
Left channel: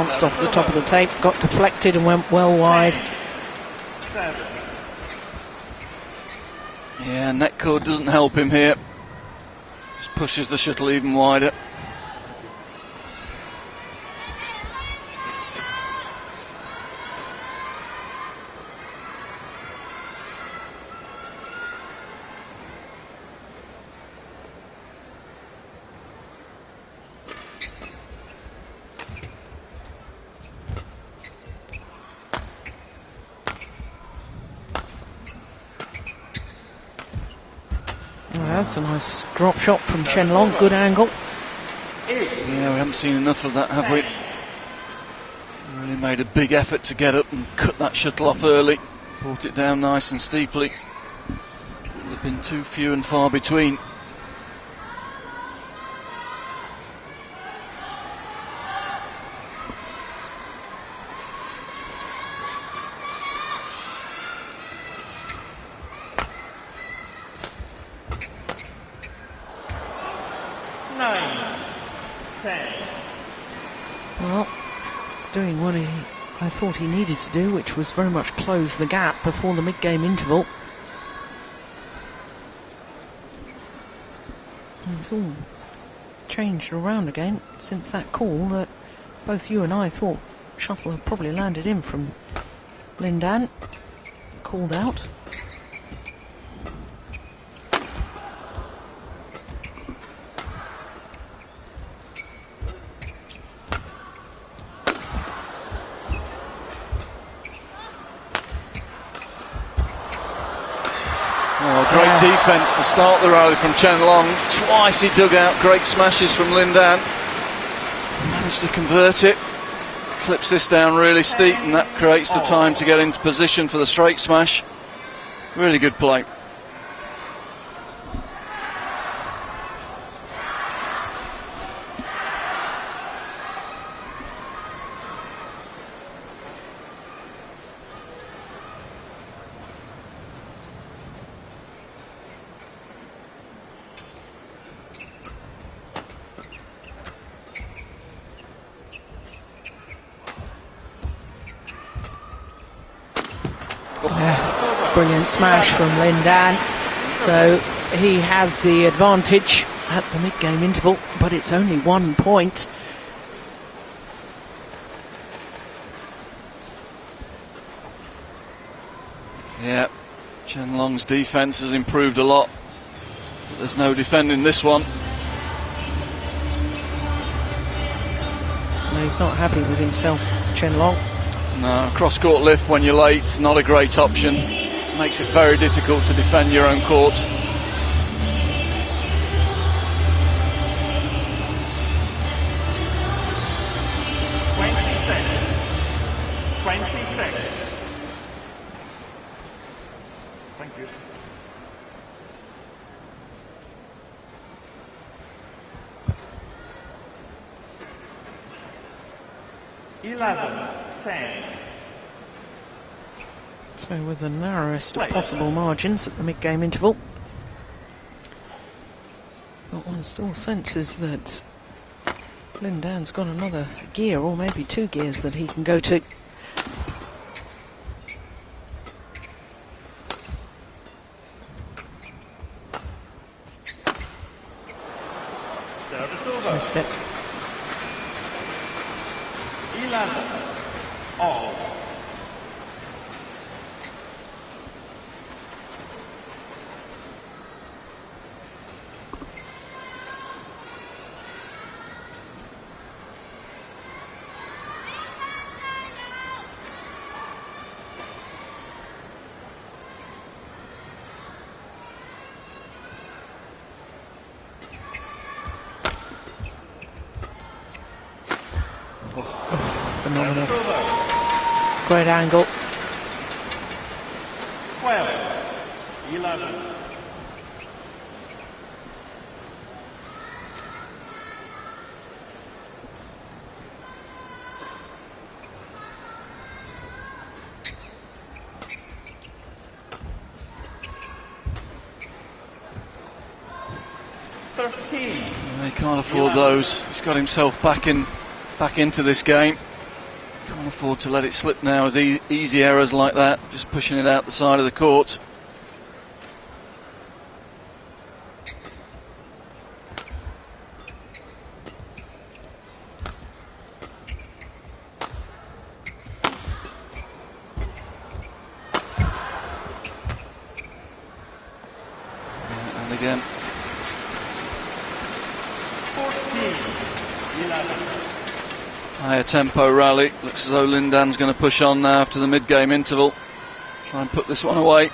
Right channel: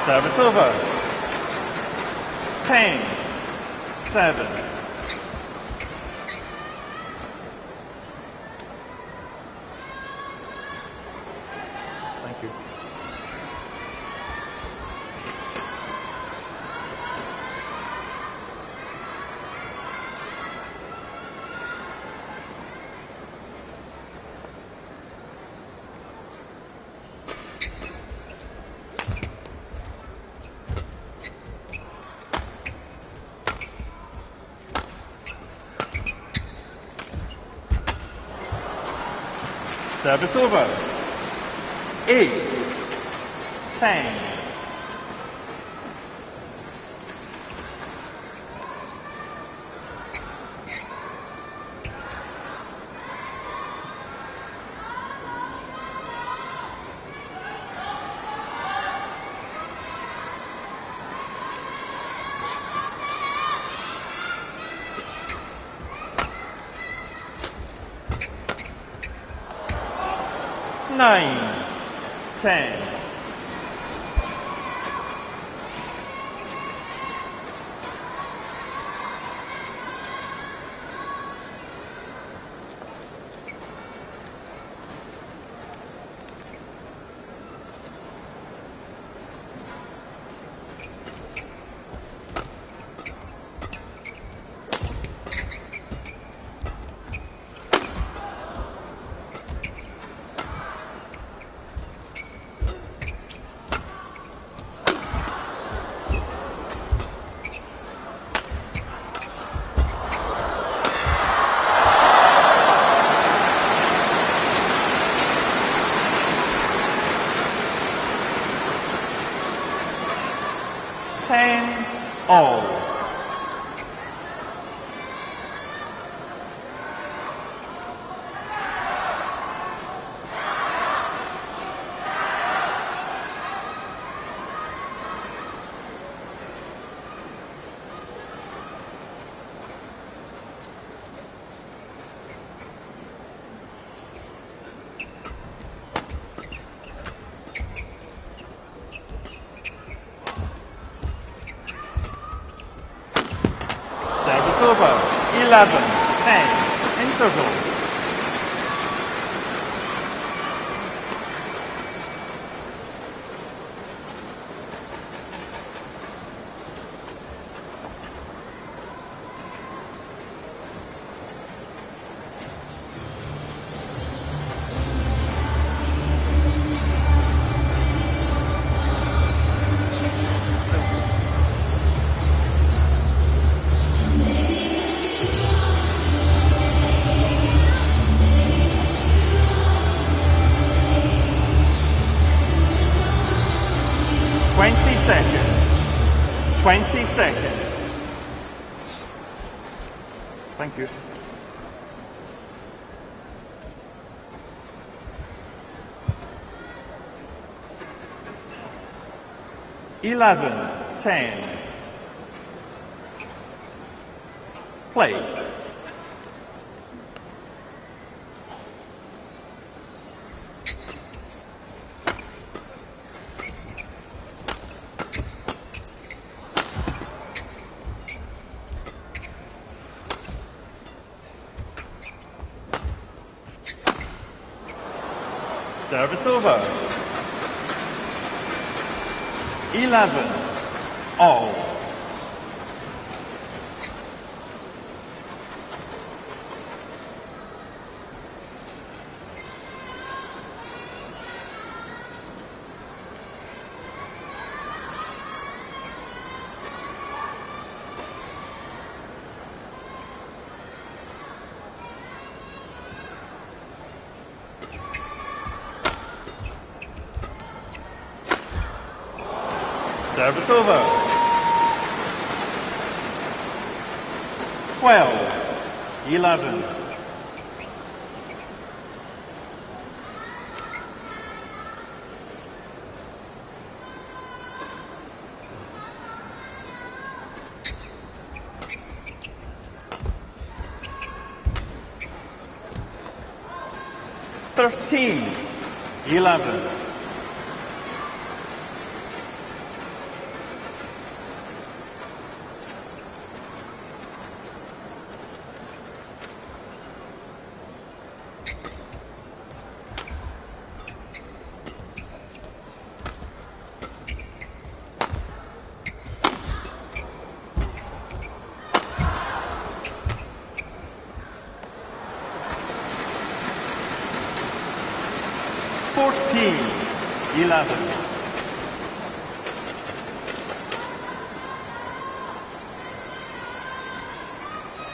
bounced off the top of the tape, got deflected and went well wide. 10-7. Yeah, net cord doesn't help him here. Just pushes the shuttle even wider. Thank you. Oh, that's a nice drop shot from Service Chen Long, over. good angle. 8. Yeah, we haven't seen enough of that, have we? 10. Really made a big effort to get up and cut that shuttle off early. Brought it down nice and steeply. They've been too few and far between. Nine. 10. Well, he's doing what I thought he needed to do, which was very much close the gap before the mid-game interval. And it's all changed around again since that call that both you and I thought shuttle had probably landed in from Lindan. Called out. Defence to start the rally from Chen Long. Twice he dug out great smashes from Lindan. Managed to convert it. Clips this down really steep, and that creates the time to get into position for the straight smash. Really good play. Brilliant smash from Lindan. So he has the advantage at the mid-game interval, but it's only 1 point. Yeah, Chen Long's defence has improved a lot. There's no defending this one. He's not happy with himself, Chen Long. No, cross-court lift when you're late is not a great option. Makes it very difficult to defend your own court. seconds. 20 seconds. Thank you. Eleven, 10. So with the narrowest Play. possible margins at the mid-game interval. But one still senses that Lindan's got another gear, or maybe 2 gears that he can go to. Service over. Step. 11, all. Service over. Great angle. 12, 11. He can't afford those. He's got himself back into this game. Can't afford to let it slip now with easy errors like that, just pushing it out the side of the court. And again. 14-11. Higher tempo rally. Looks as though Lindan's going to push on now after the mid-game interval. Try and put this one away.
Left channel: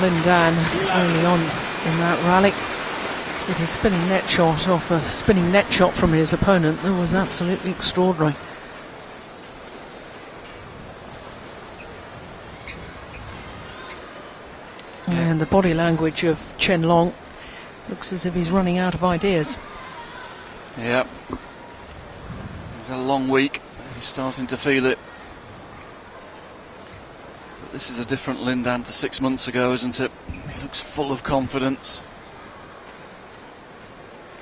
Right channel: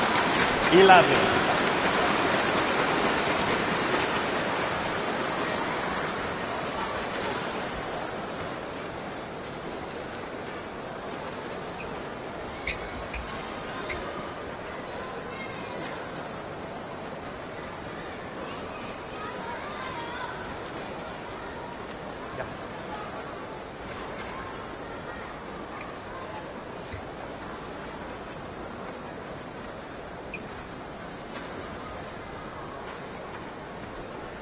Lindan early on in that rally with a spinning net shot off a spinning net shot from his opponent. That was absolutely extraordinary. And the body language of Chen looks as if he's running out of ideas. Yep. It's a long week. He's starting to feel it. This is a different Lindan to 6 months ago, isn't it? He looks full of confidence.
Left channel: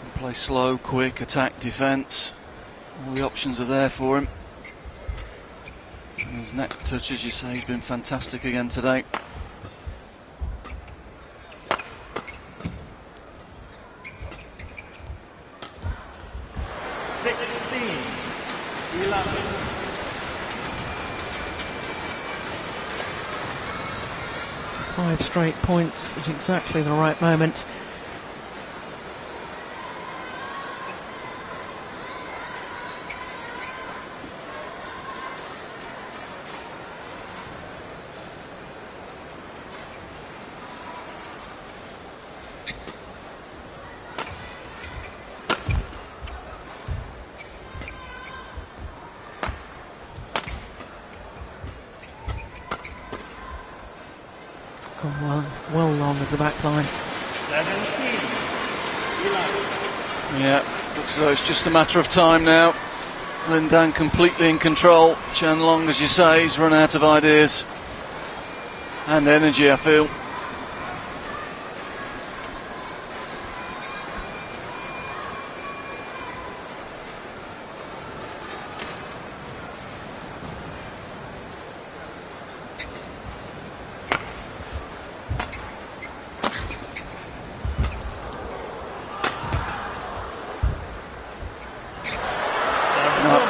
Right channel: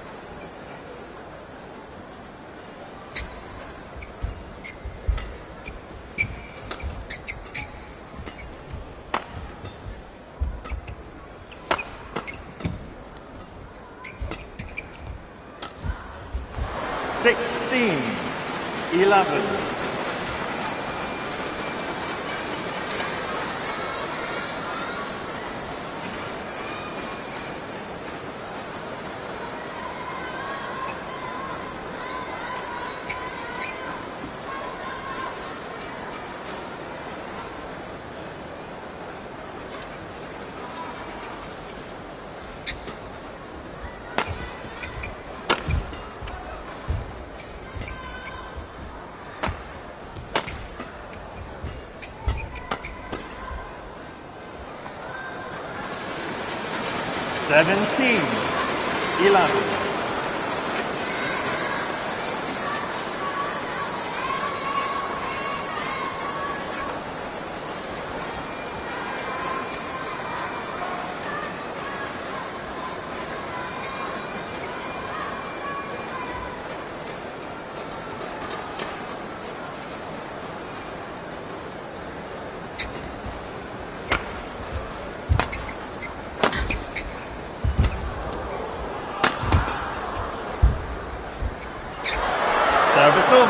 Can play slow, quick, attack, defence. All the options are there for him. His net touch, as you say, has been fantastic again today. Sixteen, 11. 5 straight points at exactly the right moment. Well along with the back line. 17, 11. Yeah, looks as though it's just a matter of time now. Lindan completely in control. Chen Long, as you say, he's run out of ideas and energy, I feel.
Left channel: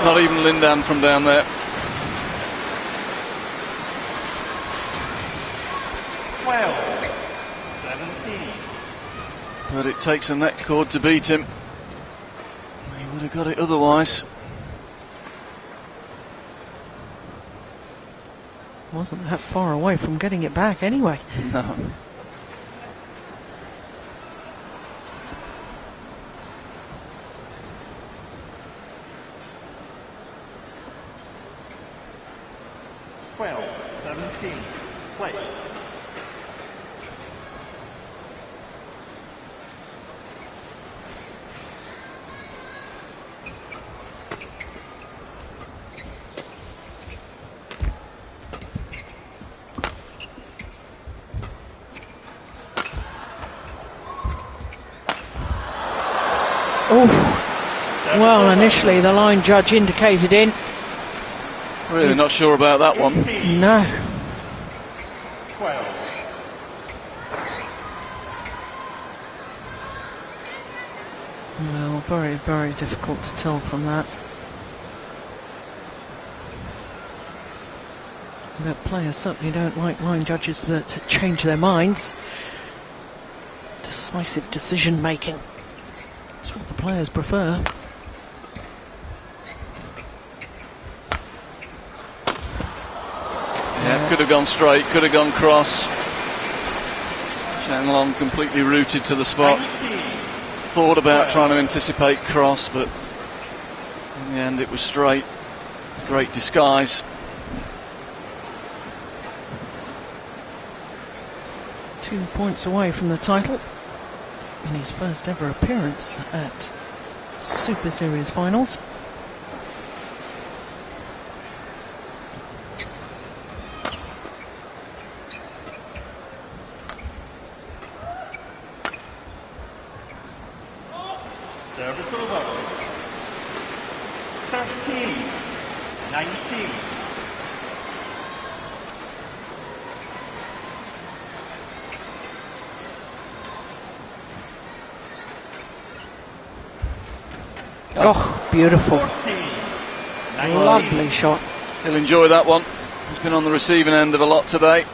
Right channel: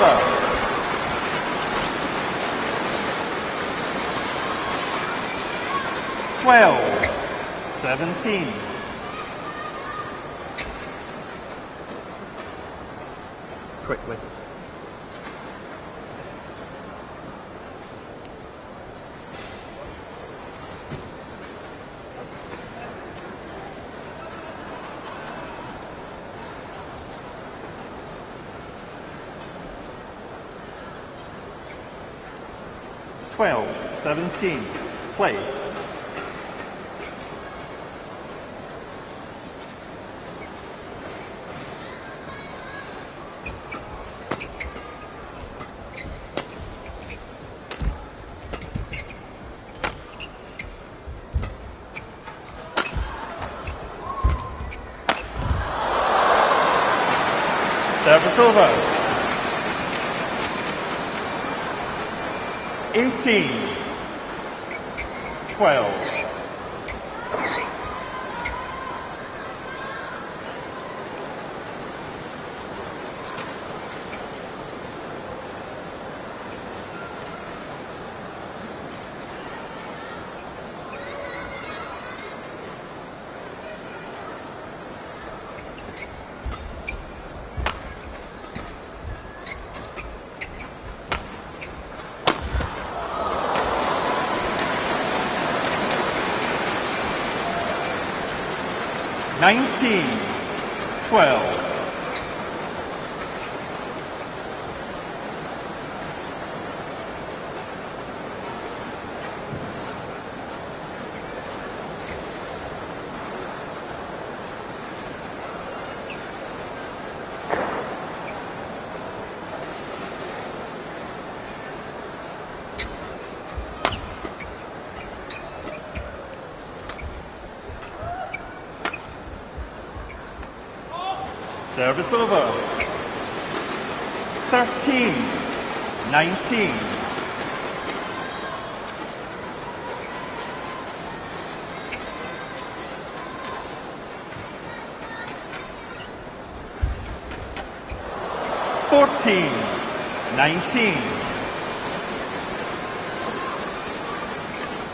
Not even Lindan from down there. 12, 17. But it takes a net cord to beat him. He would have got it otherwise. Wasn't that far away from getting it back anyway. No. Twelve, 17. Play. Well, initially the line judge indicated in. Really not sure about that 18. one. No. 12. No, very, very difficult to tell from that. But players certainly don't like line judges that change their minds. Decisive decision making. That's what the players prefer. could have gone straight, could have gone cross. Chen Long completely rooted to the spot. 19. Thought about 12. trying to anticipate cross, but in the end it was straight. Great disguise. Two points away from the title in his first ever appearance at Super Series finals. Service over. 13. 19. Oh, beautiful. 14. 19. Lovely shot. He'll enjoy that one. He's been on the receiving end of a lot today.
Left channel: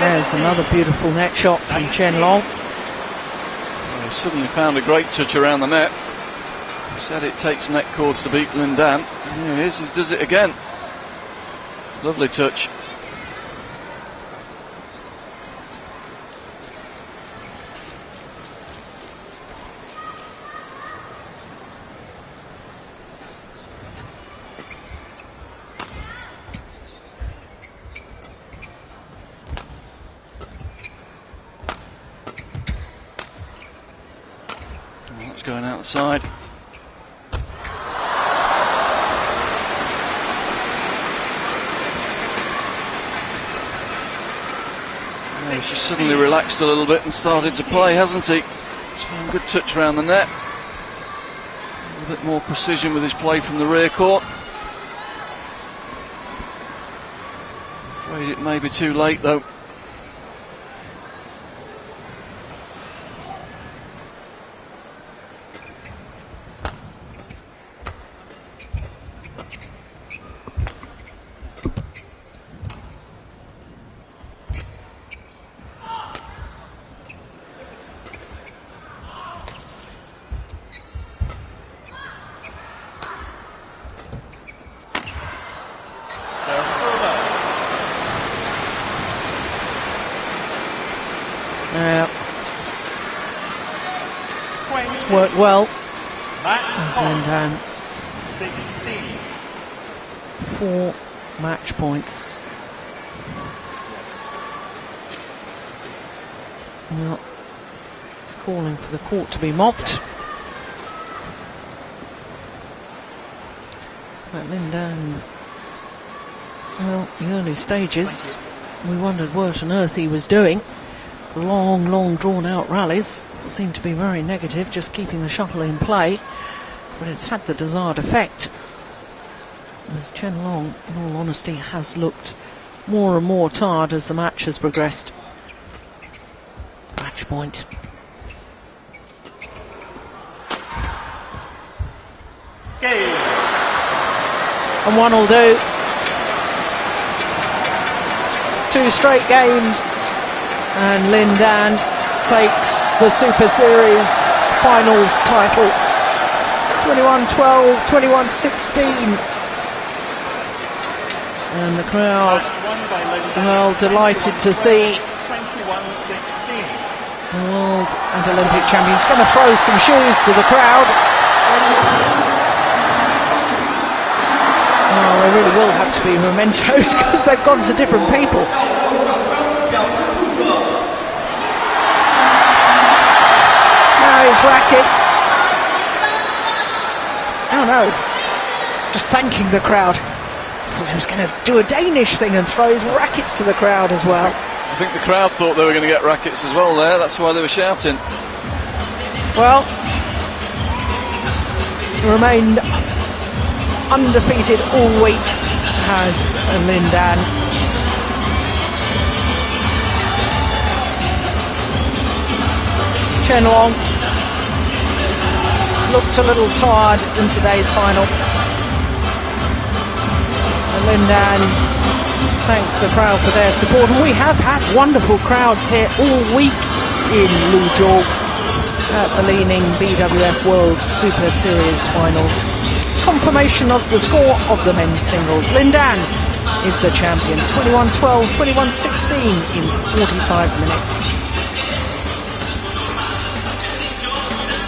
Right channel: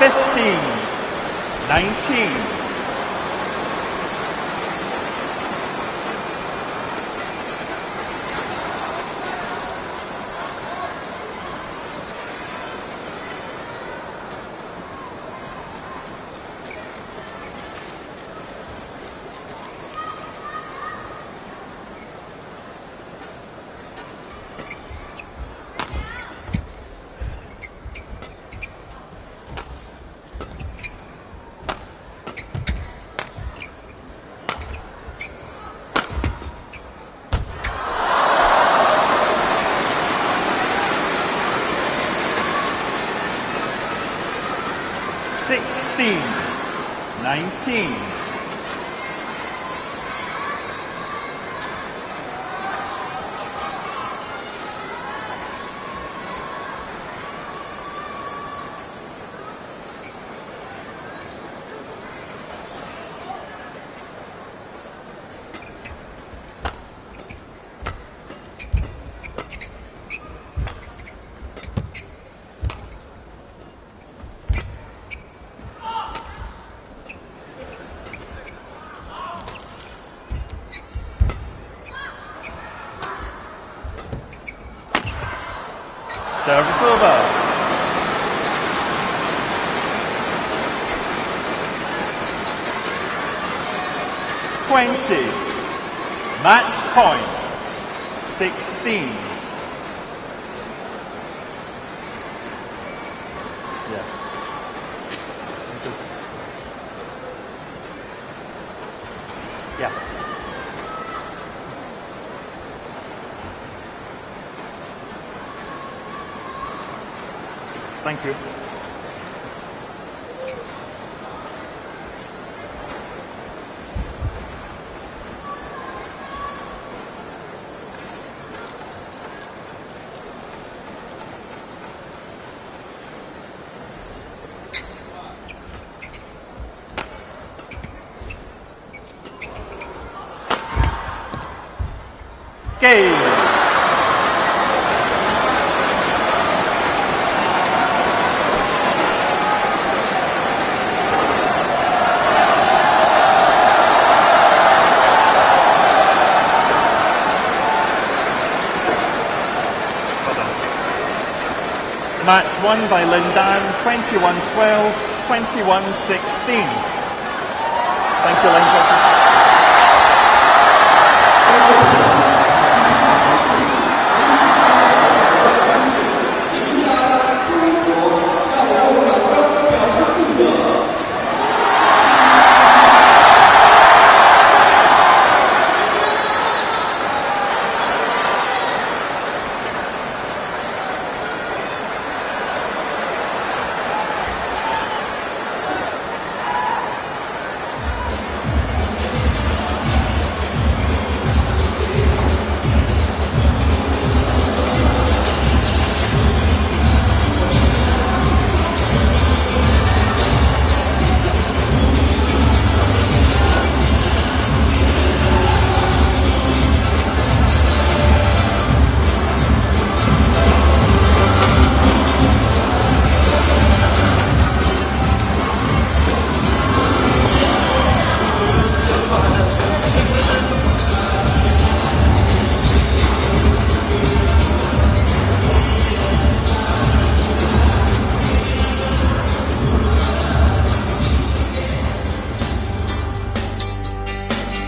There's another beautiful net shot from 19. Chen Long. He suddenly found a great touch around the net. He said it takes net chords to beat Lin Dan. Here he is, he does it again. Lovely touch. It's going outside. He's suddenly relaxed a little bit and started to play, hasn't he? He's found a good touch around the net. A little bit more precision with his play from the rear court. Afraid it may be too late though. Service over. Yeah, 20. worked well. Match point. And 16. 4 match points. Well, it's calling for the court to be mopped. But Lin Dan, well, the early stages, we wondered what on earth he was doing. Long, drawn-out rallies seemed to be very negative, just keeping the shuttle in play, but it's had the desired effect. As Chen Long, in all honesty, has looked more and more tired as the match has progressed. Match point. Game. And one will do. 2 straight games, and Lin Dan takes the Super Series finals title. 21-12, 21-16. And the crowd, Match won by Lin Dan. well, delighted to see 21-16. world and Olympic champions. Going to throw some shoes to the crowd. Well, they really will have to be mementos because they've gone to different people. Those rackets. Oh no, just thanking the crowd. Thought he was going to do a Danish thing and throw his rackets to the crowd as well. I think the crowd thought they were going to get rackets as well there, that's why they were shouting. Well, he remained undefeated all week as Lin Dan. Chen Long looked a little tired in today's final. Lindan thanks the crowd for their support. And we have had wonderful crowds here all week in Luzhou at the Leaning BWF World Super Series Finals. Confirmation of the score of the men's singles. Lindan is the champion, 21-12, 21-16 in 45 minutes.